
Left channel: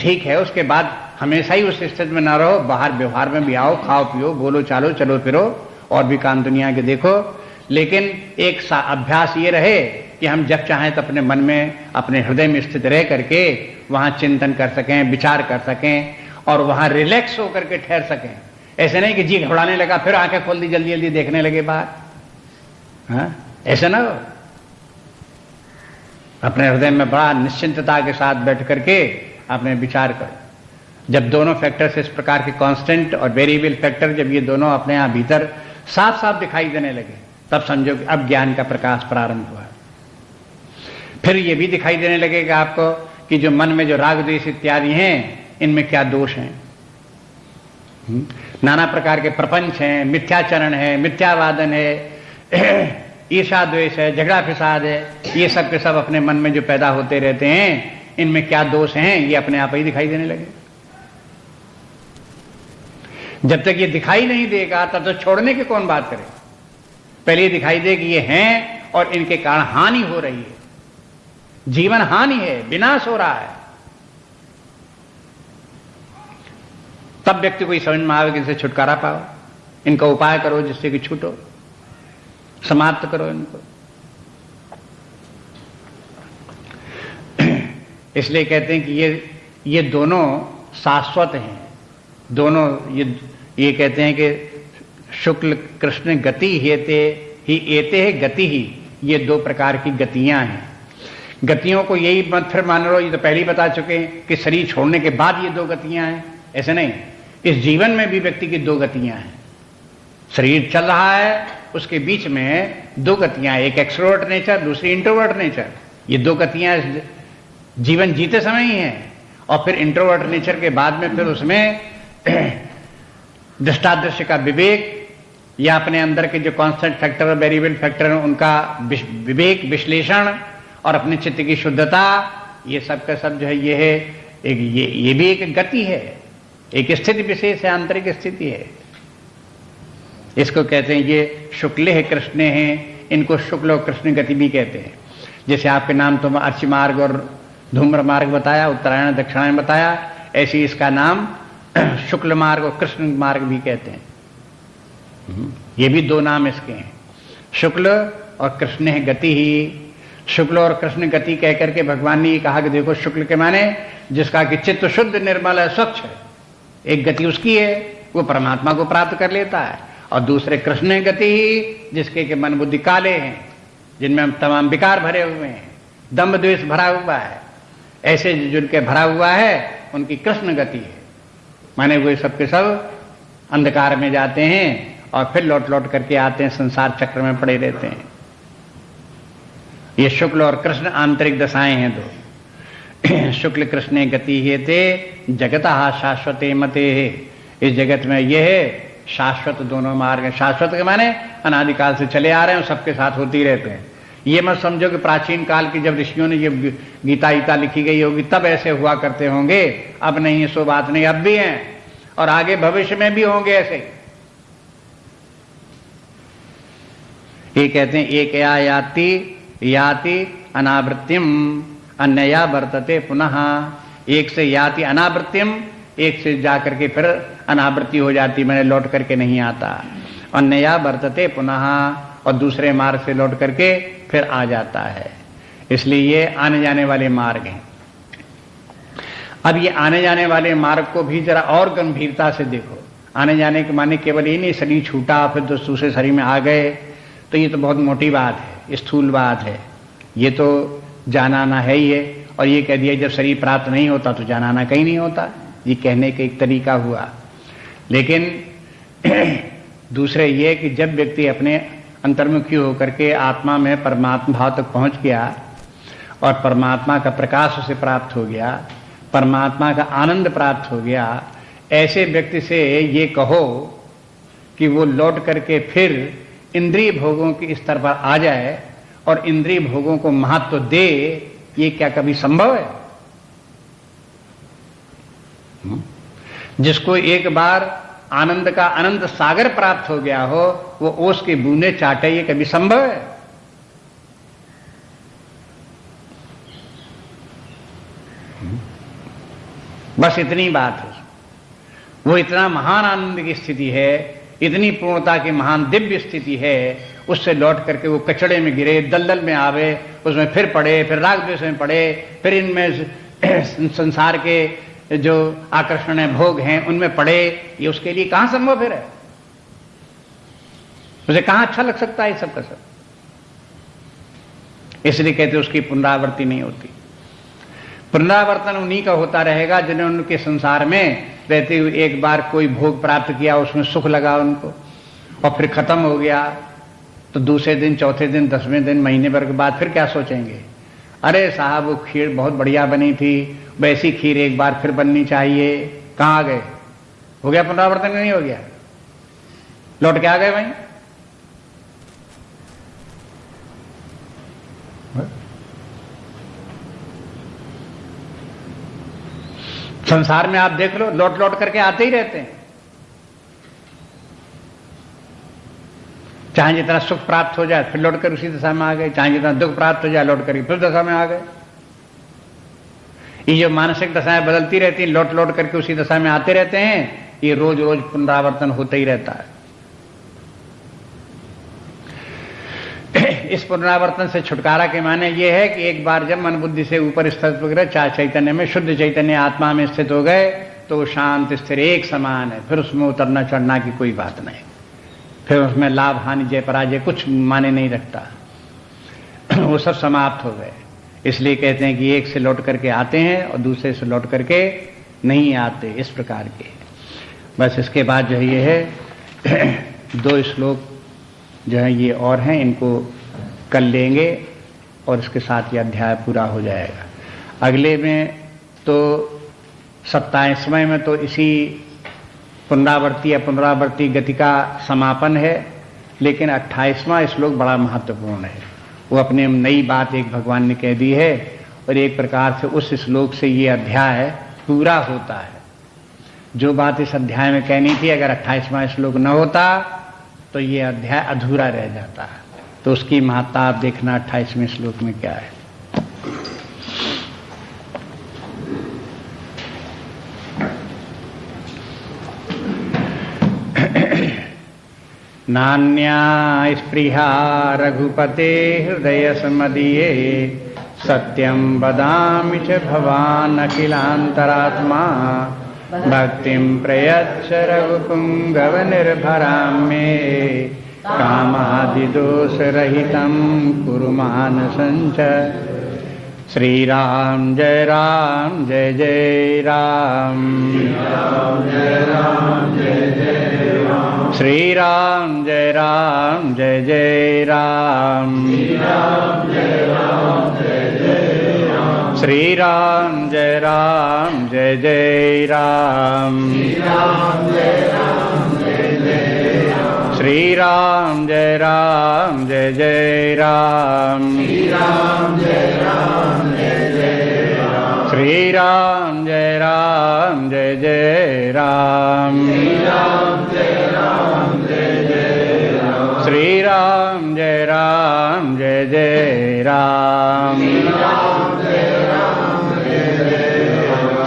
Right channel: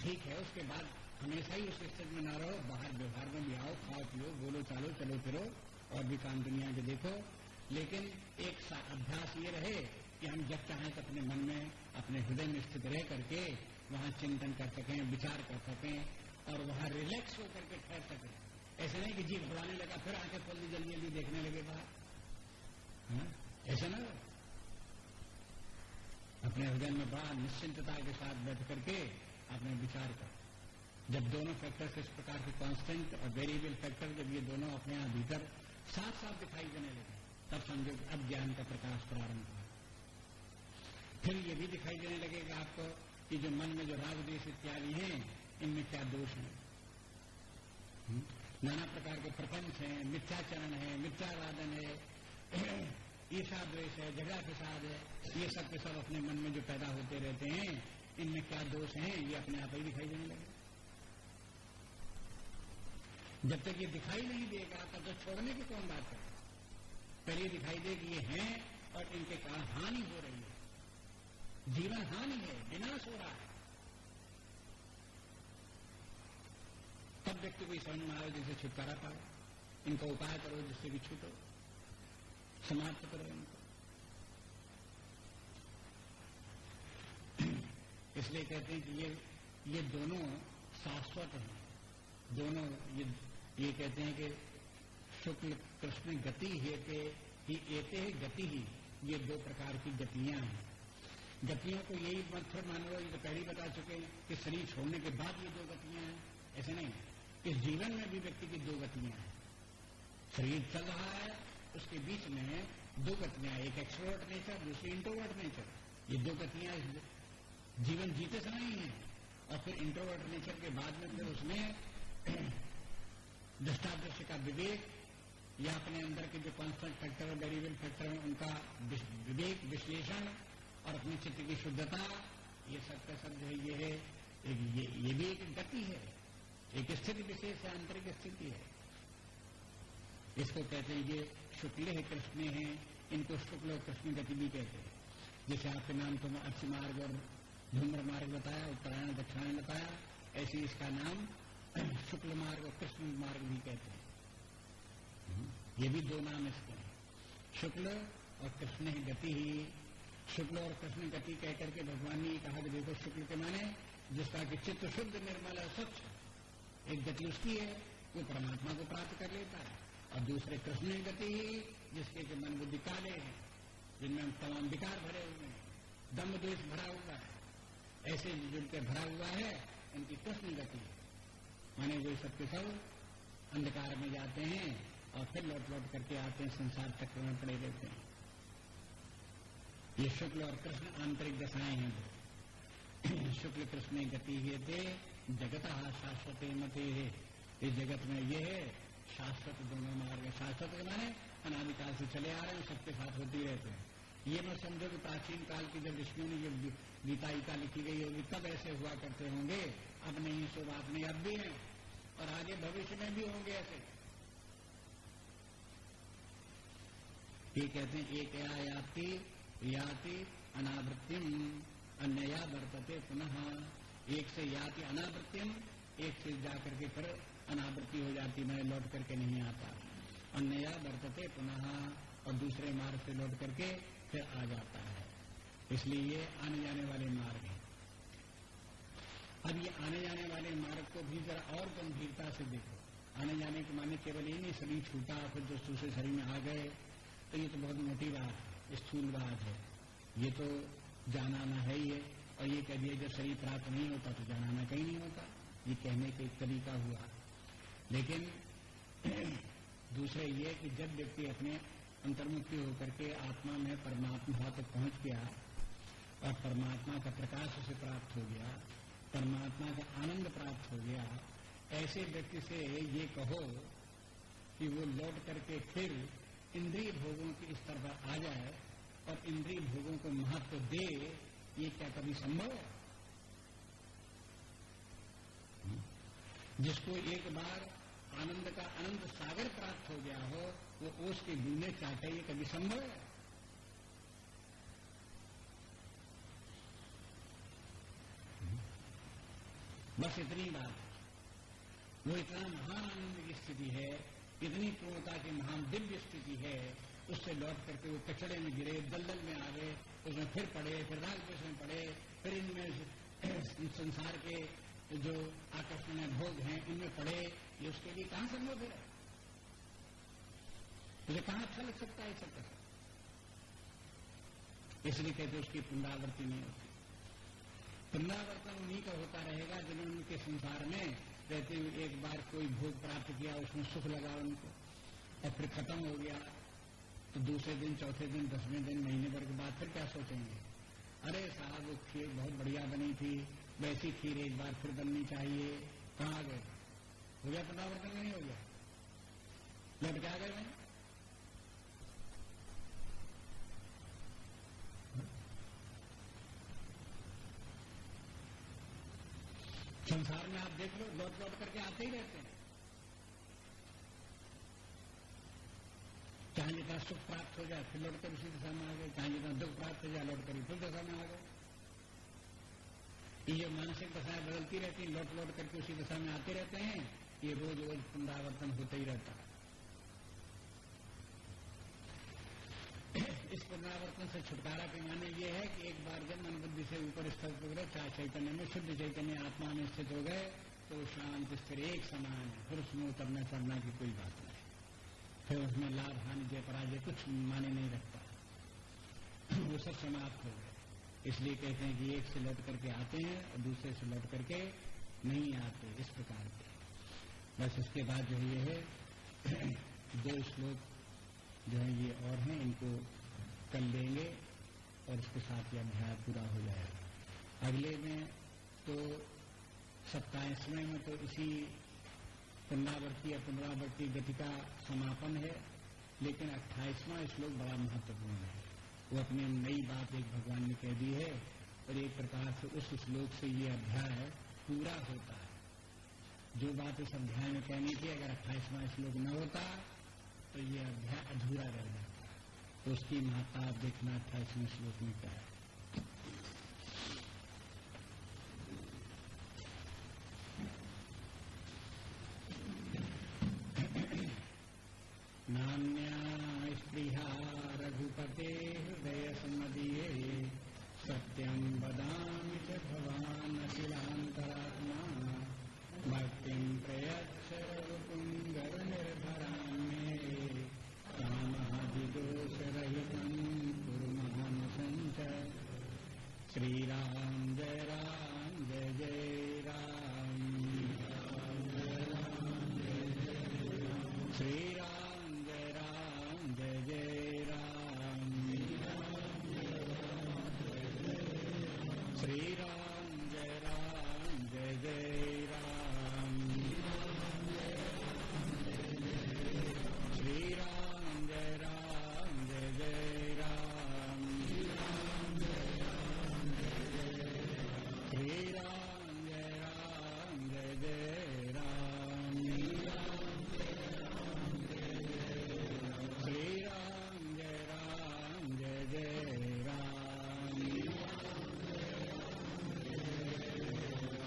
ठीक है, उसके बाद हमेशा ही उस स्थिति में ना रहो, बाहर व्यवहार में भी आओ, खाओ पियो, बोलो चालो, चलो फिरो और भी काम दुनिया के देखो। लेकिन एक अभ्यास ये रहे कि हम जब चाहें तो अपने मन में, अपने हृदय में स्थित रह करके वहां चिंतन कर सकें, विचार कर सकें और वहां रिलैक्स होकर के ठहर सकें। ऐसे नहीं कि जी घबराने लगा फिर आंखें खोल दी, जल्दी जल्दी देखने लगे बाहर। हाँ, ऐसा ना हो। अपने हृदय में बड़ा निश्चिंतता के साथ बैठ करके अपने विचार करो। जब दोनों फैक्टर्स इस प्रकार के कांस्टेंट और वेरिएबल फैक्टर जब ये दोनों अपने यहां भीतर साफ साफ दिखाई देने लगे, तब समझो कि अब ज्ञान का प्रकाश प्रारंभ हुआ। फिर ये भी दिखाई देने लगेगा आपको कि जो मन में जो राग द्वेष इत्यादि हैं, इनमें क्या दोष हैं। नाना प्रकार के प्रपंच हैं, मिथ्याचरण है, मिथ्यावादन है, ईर्षा द्वेष है, झगड़ा फिसाद है, ये सब के सब अपने मन में जो पैदा होते रहते हैं, इनमें क्या दोष हैं, ये अपने आप ही दिखाई देने लगे। जब तक ये दिखाई नहीं देगा तब तो छोड़ने की कौन बात करे। पहले ये दिखाई दे कि ये हैं और इनके कारण हानि हो रही है, जीवन हानि है, विनाश हो रहा है, तब व्यक्ति को समझ में आवे कि इनसे छुटकारा पाओ, इनका उपाय करो जिससे कि छूटो, समाप्त करो इनको। इसलिए कहते हैं कि ये दोनों शाश्वत हैं, दोनों ये कहते हैं कि शुक्ल कृष्ण गति हेते ही एते है गति ही, ये दो प्रकार की गतियां हैं। गतियों को यही मत फिर मान लो, ये तो पहले ही बता चुके हैं कि शरीर छोड़ने के बाद ये दो गतियां हैं, ऐसे नहीं। इस जीवन में भी व्यक्ति की दो गतियां हैं। शरीर चल रहा है, उसके बीच में दो गतियां, एक एक्सट्रोवर्ट नेचर, दूसरी इंट्रोवर्ट नेचर। ये दो गतियां जीवन जीते समय ही हैं। और फिर इंट्रोवर्ट नेचर के बाद में फिर उसमें दृष्टादृश्य का विवेक या अपने अंदर के जो कांस्टेंट फैक्टर और वेरिएबल फैक्टर हैं उनका विवेक विश्लेषण और अपने चित्त की शुद्धता, ये सब का सब जो है ये है एक ये भी एक गति है, एक स्थिति विशेष है, आंतरिक स्थिति है। इसको कहते हैं ये शुक्ल है कृष्ण है, इनको शुक्ल और कृष्ण गति भी कहते हैं। जैसे आपके नाम तो अर्ची मार्ग और धूम्र मार्ग बताया, उत्तरायण दक्षिणायन बताया, ऐसे इसका नाम शुक्ल मार्ग और कृष्ण मार्ग भी कहते हैं। ये भी दो नाम इसके हैं, शुक्ल और कृष्ण है गति ही। शुक्ल और कृष्ण गति कह करके भगवान ने ये कहा कि देखो, शुक्ल के माने जिसका कि चित्त शुद्ध निर्मल है, स्वच्छ है, एक गति उसकी है, वो परमात्मा को प्राप्त कर लेता है। और दूसरे कृष्ण गति ही, जिसके के मन बुद्धि काले हैं, जिनमें तमाम विकार भरे हुए हैं, दंभ द्वेष भरा हुआ है, ऐसे जिनके भरा हुआ है उनकी कृष्ण गति है। माने वो सबके सब अंधकार में जाते हैं और फिर लौट लौट करके आते हैं, संसार चक्र में पड़े रहते हैं। ये शुक्ल और कृष्ण आंतरिक दशाएं हैं दो। शुक्ल कृष्ण गति हे ते जगतः शाश्वते मते है, इस जगत में ये है शाश्वत दोनों मार्ग हैं। शाश्वत के माने अनादिकाल से चले आ रहे हैं, सबके साथ होती रहते हैं। ये मत समझो कि प्राचीन काल की जब ऋषियों ने ये गीता लिखी गई होगी तब ऐसे हुआ करते होंगे, अब नहीं है, सो बात नहीं, अब भी हैं और आगे भविष्य में भी होंगे ऐसे। ये कहते हैं एक याति अनावृत्तिम अन्यया वर्तते पुनः, एक से याति अनावृत्तिम, एक से जाकर के फिर अनावृत्ति हो जाती, मैंने लौट करके नहीं आता। अन्यया वर्तते पुनः, और दूसरे मार्ग से लौट करके फिर आ जाता है। इसलिए ये आने जाने वाले मार्ग हैं। अब ये आने जाने वाले मार्ग को भी जरा और गंभीरता से देखो। आने जाने के माने केवल ये नहीं शरीर छूटा फिर तो दूसरे शरीर में आ गए, तो ये तो बहुत मोटी बात है, स्थूल बात है, ये तो जाना आना है ही है। और ये कह दिया जब शरीर प्राप्त नहीं होता तो जाना आना कहीं नहीं होता, ये कहने का एक तरीका हुआ। लेकिन दूसरे ये कि जब व्यक्ति अपने अंतर्मुखी होकर के आत्मा में परमात्मा भाव तक पहुंच गया और परमात्मा का प्रकाश उसे प्राप्त हो गया, परमात्मा का आनंद प्राप्त हो गया, ऐसे व्यक्ति से ये कहो कि वो लौट करके फिर इंद्रिय भोगों के स्तर पर आ जाए और इंद्रिय भोगों को महत्व दे, ये क्या कभी संभव है? जिसको एक बार आनंद का अनंत सागर प्राप्त हो गया हो, वो ओस की बूंदे चाटे, ये कभी संभव है? बस इतनी बात है। वो इतना महान आनंद की स्थिति है, इतनी पूर्णता की महान दिव्य स्थिति है, उससे लौट करके वो कचड़े में गिरे, दलदल में आवे, उसमें फिर पड़े, फिर राग द्वेष में पड़े, फिर इनमें संसार के जो आकर्षण है, भोग हैं, उनमें पड़े, ये उसके लिए कहां संभव फिर है? उसे कहां अच्छा लग सकता है सब का सब? इसलिए कहते उसकी पुनरावृत्ति नहीं होती। पुनरावर्तन उन्हीं का होता रहेगा जिन्होंने उनके संसार में रहते हुए एक बार कोई भोग प्राप्त किया, उसमें सुख लगा उनको और फिर खत्म हो गया, तो दूसरे दिन, चौथे दिन, 10वें दिन, महीने भर के बाद फिर क्या सोचेंगे, अरे साहब वो खीर बहुत बढ़िया बनी थी, वैसी खीर एक बार फिर बननी चाहिए। कहाँ आ गए? हो गया पुनरावर्तन? नहीं हो गया? लौट के आ गए भाई। संसार में आप देख लो, लौट लौट करके आते ही रहते हैं। चाहे जितना सुख प्राप्त हो जाए फिर लौट कर उसी दशा में आ गए, चाहे जितना दुख प्राप्त हो जाए लौट कर फिर दशा में आ गए। ये जो मानसिक दशाएं बदलती रहती हैं, लौट लौट करके उसी दशा में आते रहते हैं, ये रोज रोज पुनरावर्तन होता ही रहता है। इस पुनरावर्तन से छुटकारा के माने ये है कि एक बार जब मन बुद्धि से ऊपर स्थित वगैरह चाहे चैतन्य में, शुद्ध चैतन्य आत्मा में स्थित हो गए तो शांत स्थिर एक समान है, फिर उसमें उतरना चढ़ना की कोई बात नहीं, फिर उसमें लाभ हानि जय पराजय कुछ माने नहीं रखता, वो सब समाप्त हो गए। इसलिए कहते हैं कि एक से लौट करके आते हैं और दूसरे से लौट करके नहीं आते, इस प्रकार के। बस इसके बाद जो है ये है 2 श्लोक जो है ये और हैं, इनको कल लेंगे और इसके साथ ये अध्याय पूरा हो जाएगा। अगले में तो 27वें में तो इसी पुनरावर्ती या पुनरावर्ती गति का समापन है, लेकिन 28वां श्लोक बड़ा महत्वपूर्ण है। वो अपने नई बात एक भगवान ने कह दी है और एक प्रकार से उस श्लोक से ये अध्याय पूरा होता है। जो बात इस अध्याय में कहनी थी, अगर 28वां श्लोक न होता तो ये अध्याय अधूरा रह जाता है। तो उसकी महत्ता आप देखना 28वें श्लोक में क्या है। नान्या स्पृहा रघुपते हृदय समदीये सत्यं वदामि च भवान् अखिलान्तरात्मा भक्तिं प्रयच्छ रघुपुंगव निर्भरां मे कामादिदोषरहितं कुरु मानसं च। श्री राम जय राम जय जय राम, श्री राम जय राम जय जय राम, श्री राम जय राम जय जय राम, श्री राम जय राम जय जय राम, श्री राम जय राम जय जय राम, श्री राम जय राम जय जय राम, श्री राम जय राम जय जय राम,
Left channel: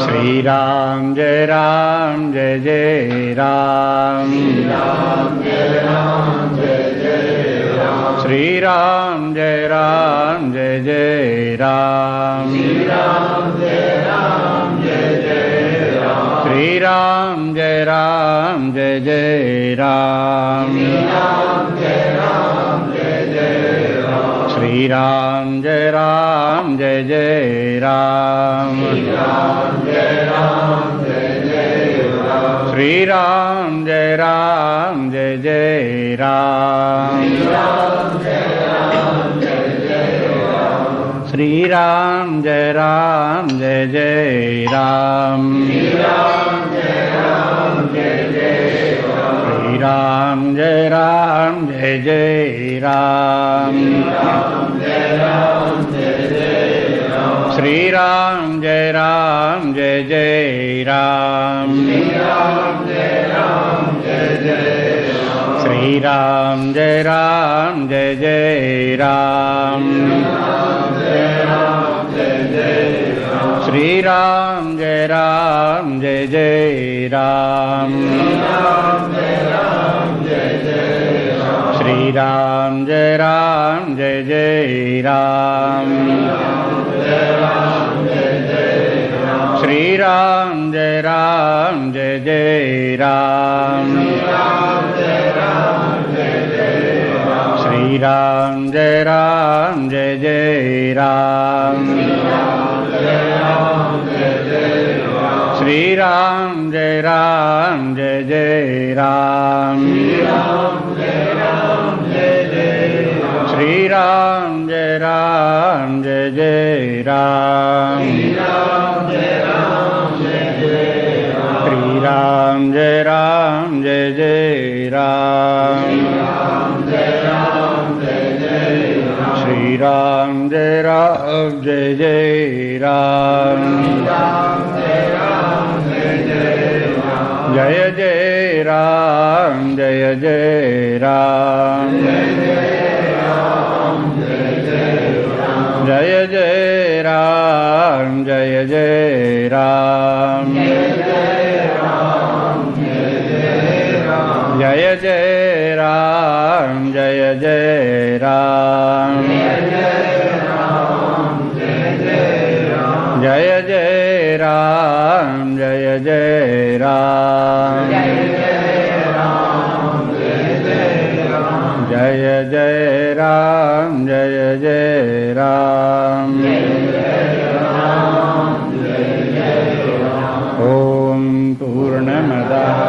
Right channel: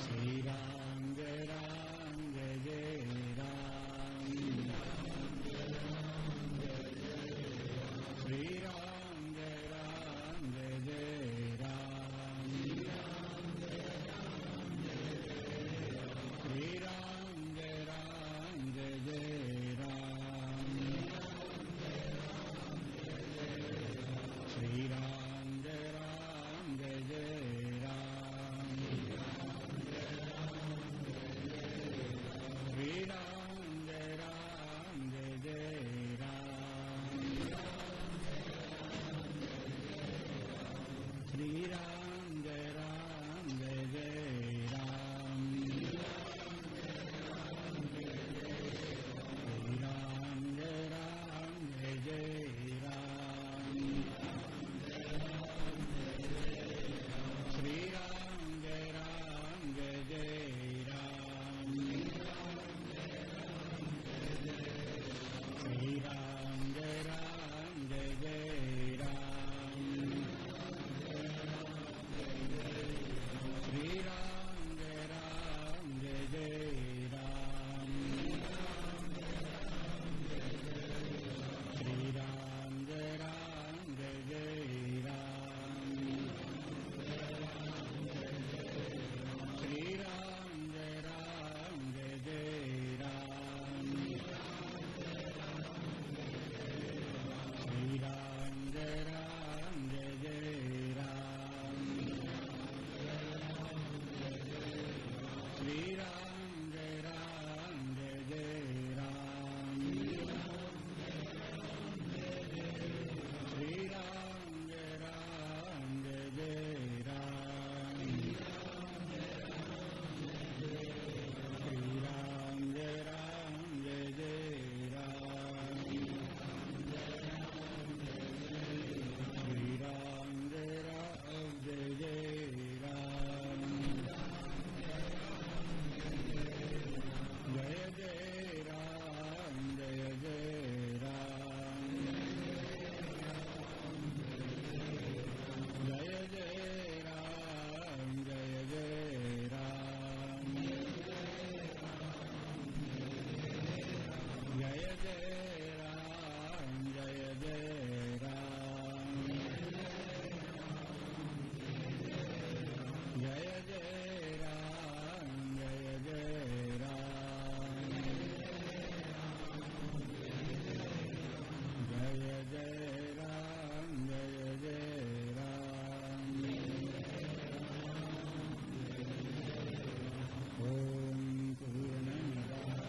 श्री राम जय राम जय जय राम, श्री राम जय राम जय जय राम, श्री राम जय राम जय जय राम, श्री राम जय राम जय जय राम, श्री राम जय राम जय जय राम, श्री राम जय राम जय जय राम, श्री राम जय राम जय जय राम, श्री राम जय राम जय जय राम, श्री राम जय राम जय जय राम, श्री राम जय राम जय जय राम, श्री राम जय राम जय जय राम, श्री राम जय राम जय जय राम, जय राम जय जय राम, श्री राम जय राम जय जय राम, श्री राम जय राम जय जय राम, श्री राम जय जय राम, जय जय राम जय जय राम, जय जय राम जय जय राम, जय जय राम जय जय राम, जय जय राम जय जय राम, जय जय राम जय जय राम। ओम पूर्णमदः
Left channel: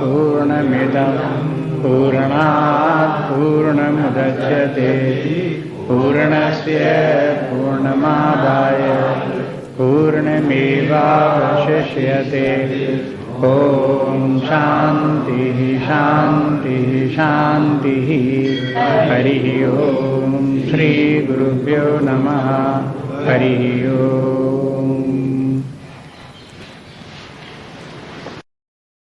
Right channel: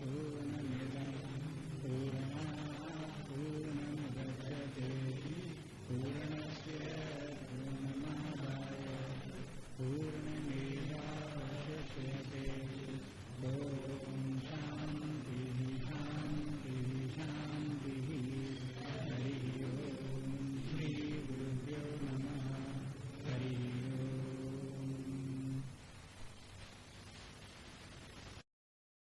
पूर्णमिदं पूर्णात् पूर्णमुदच्यते पूर्णस्य पूर्णमादाय पूर्णमेवावशिष्यते। ओम शांति शांति शांति। हरि ओम। श्री गुरुभ्यो नमः। हरि ओम।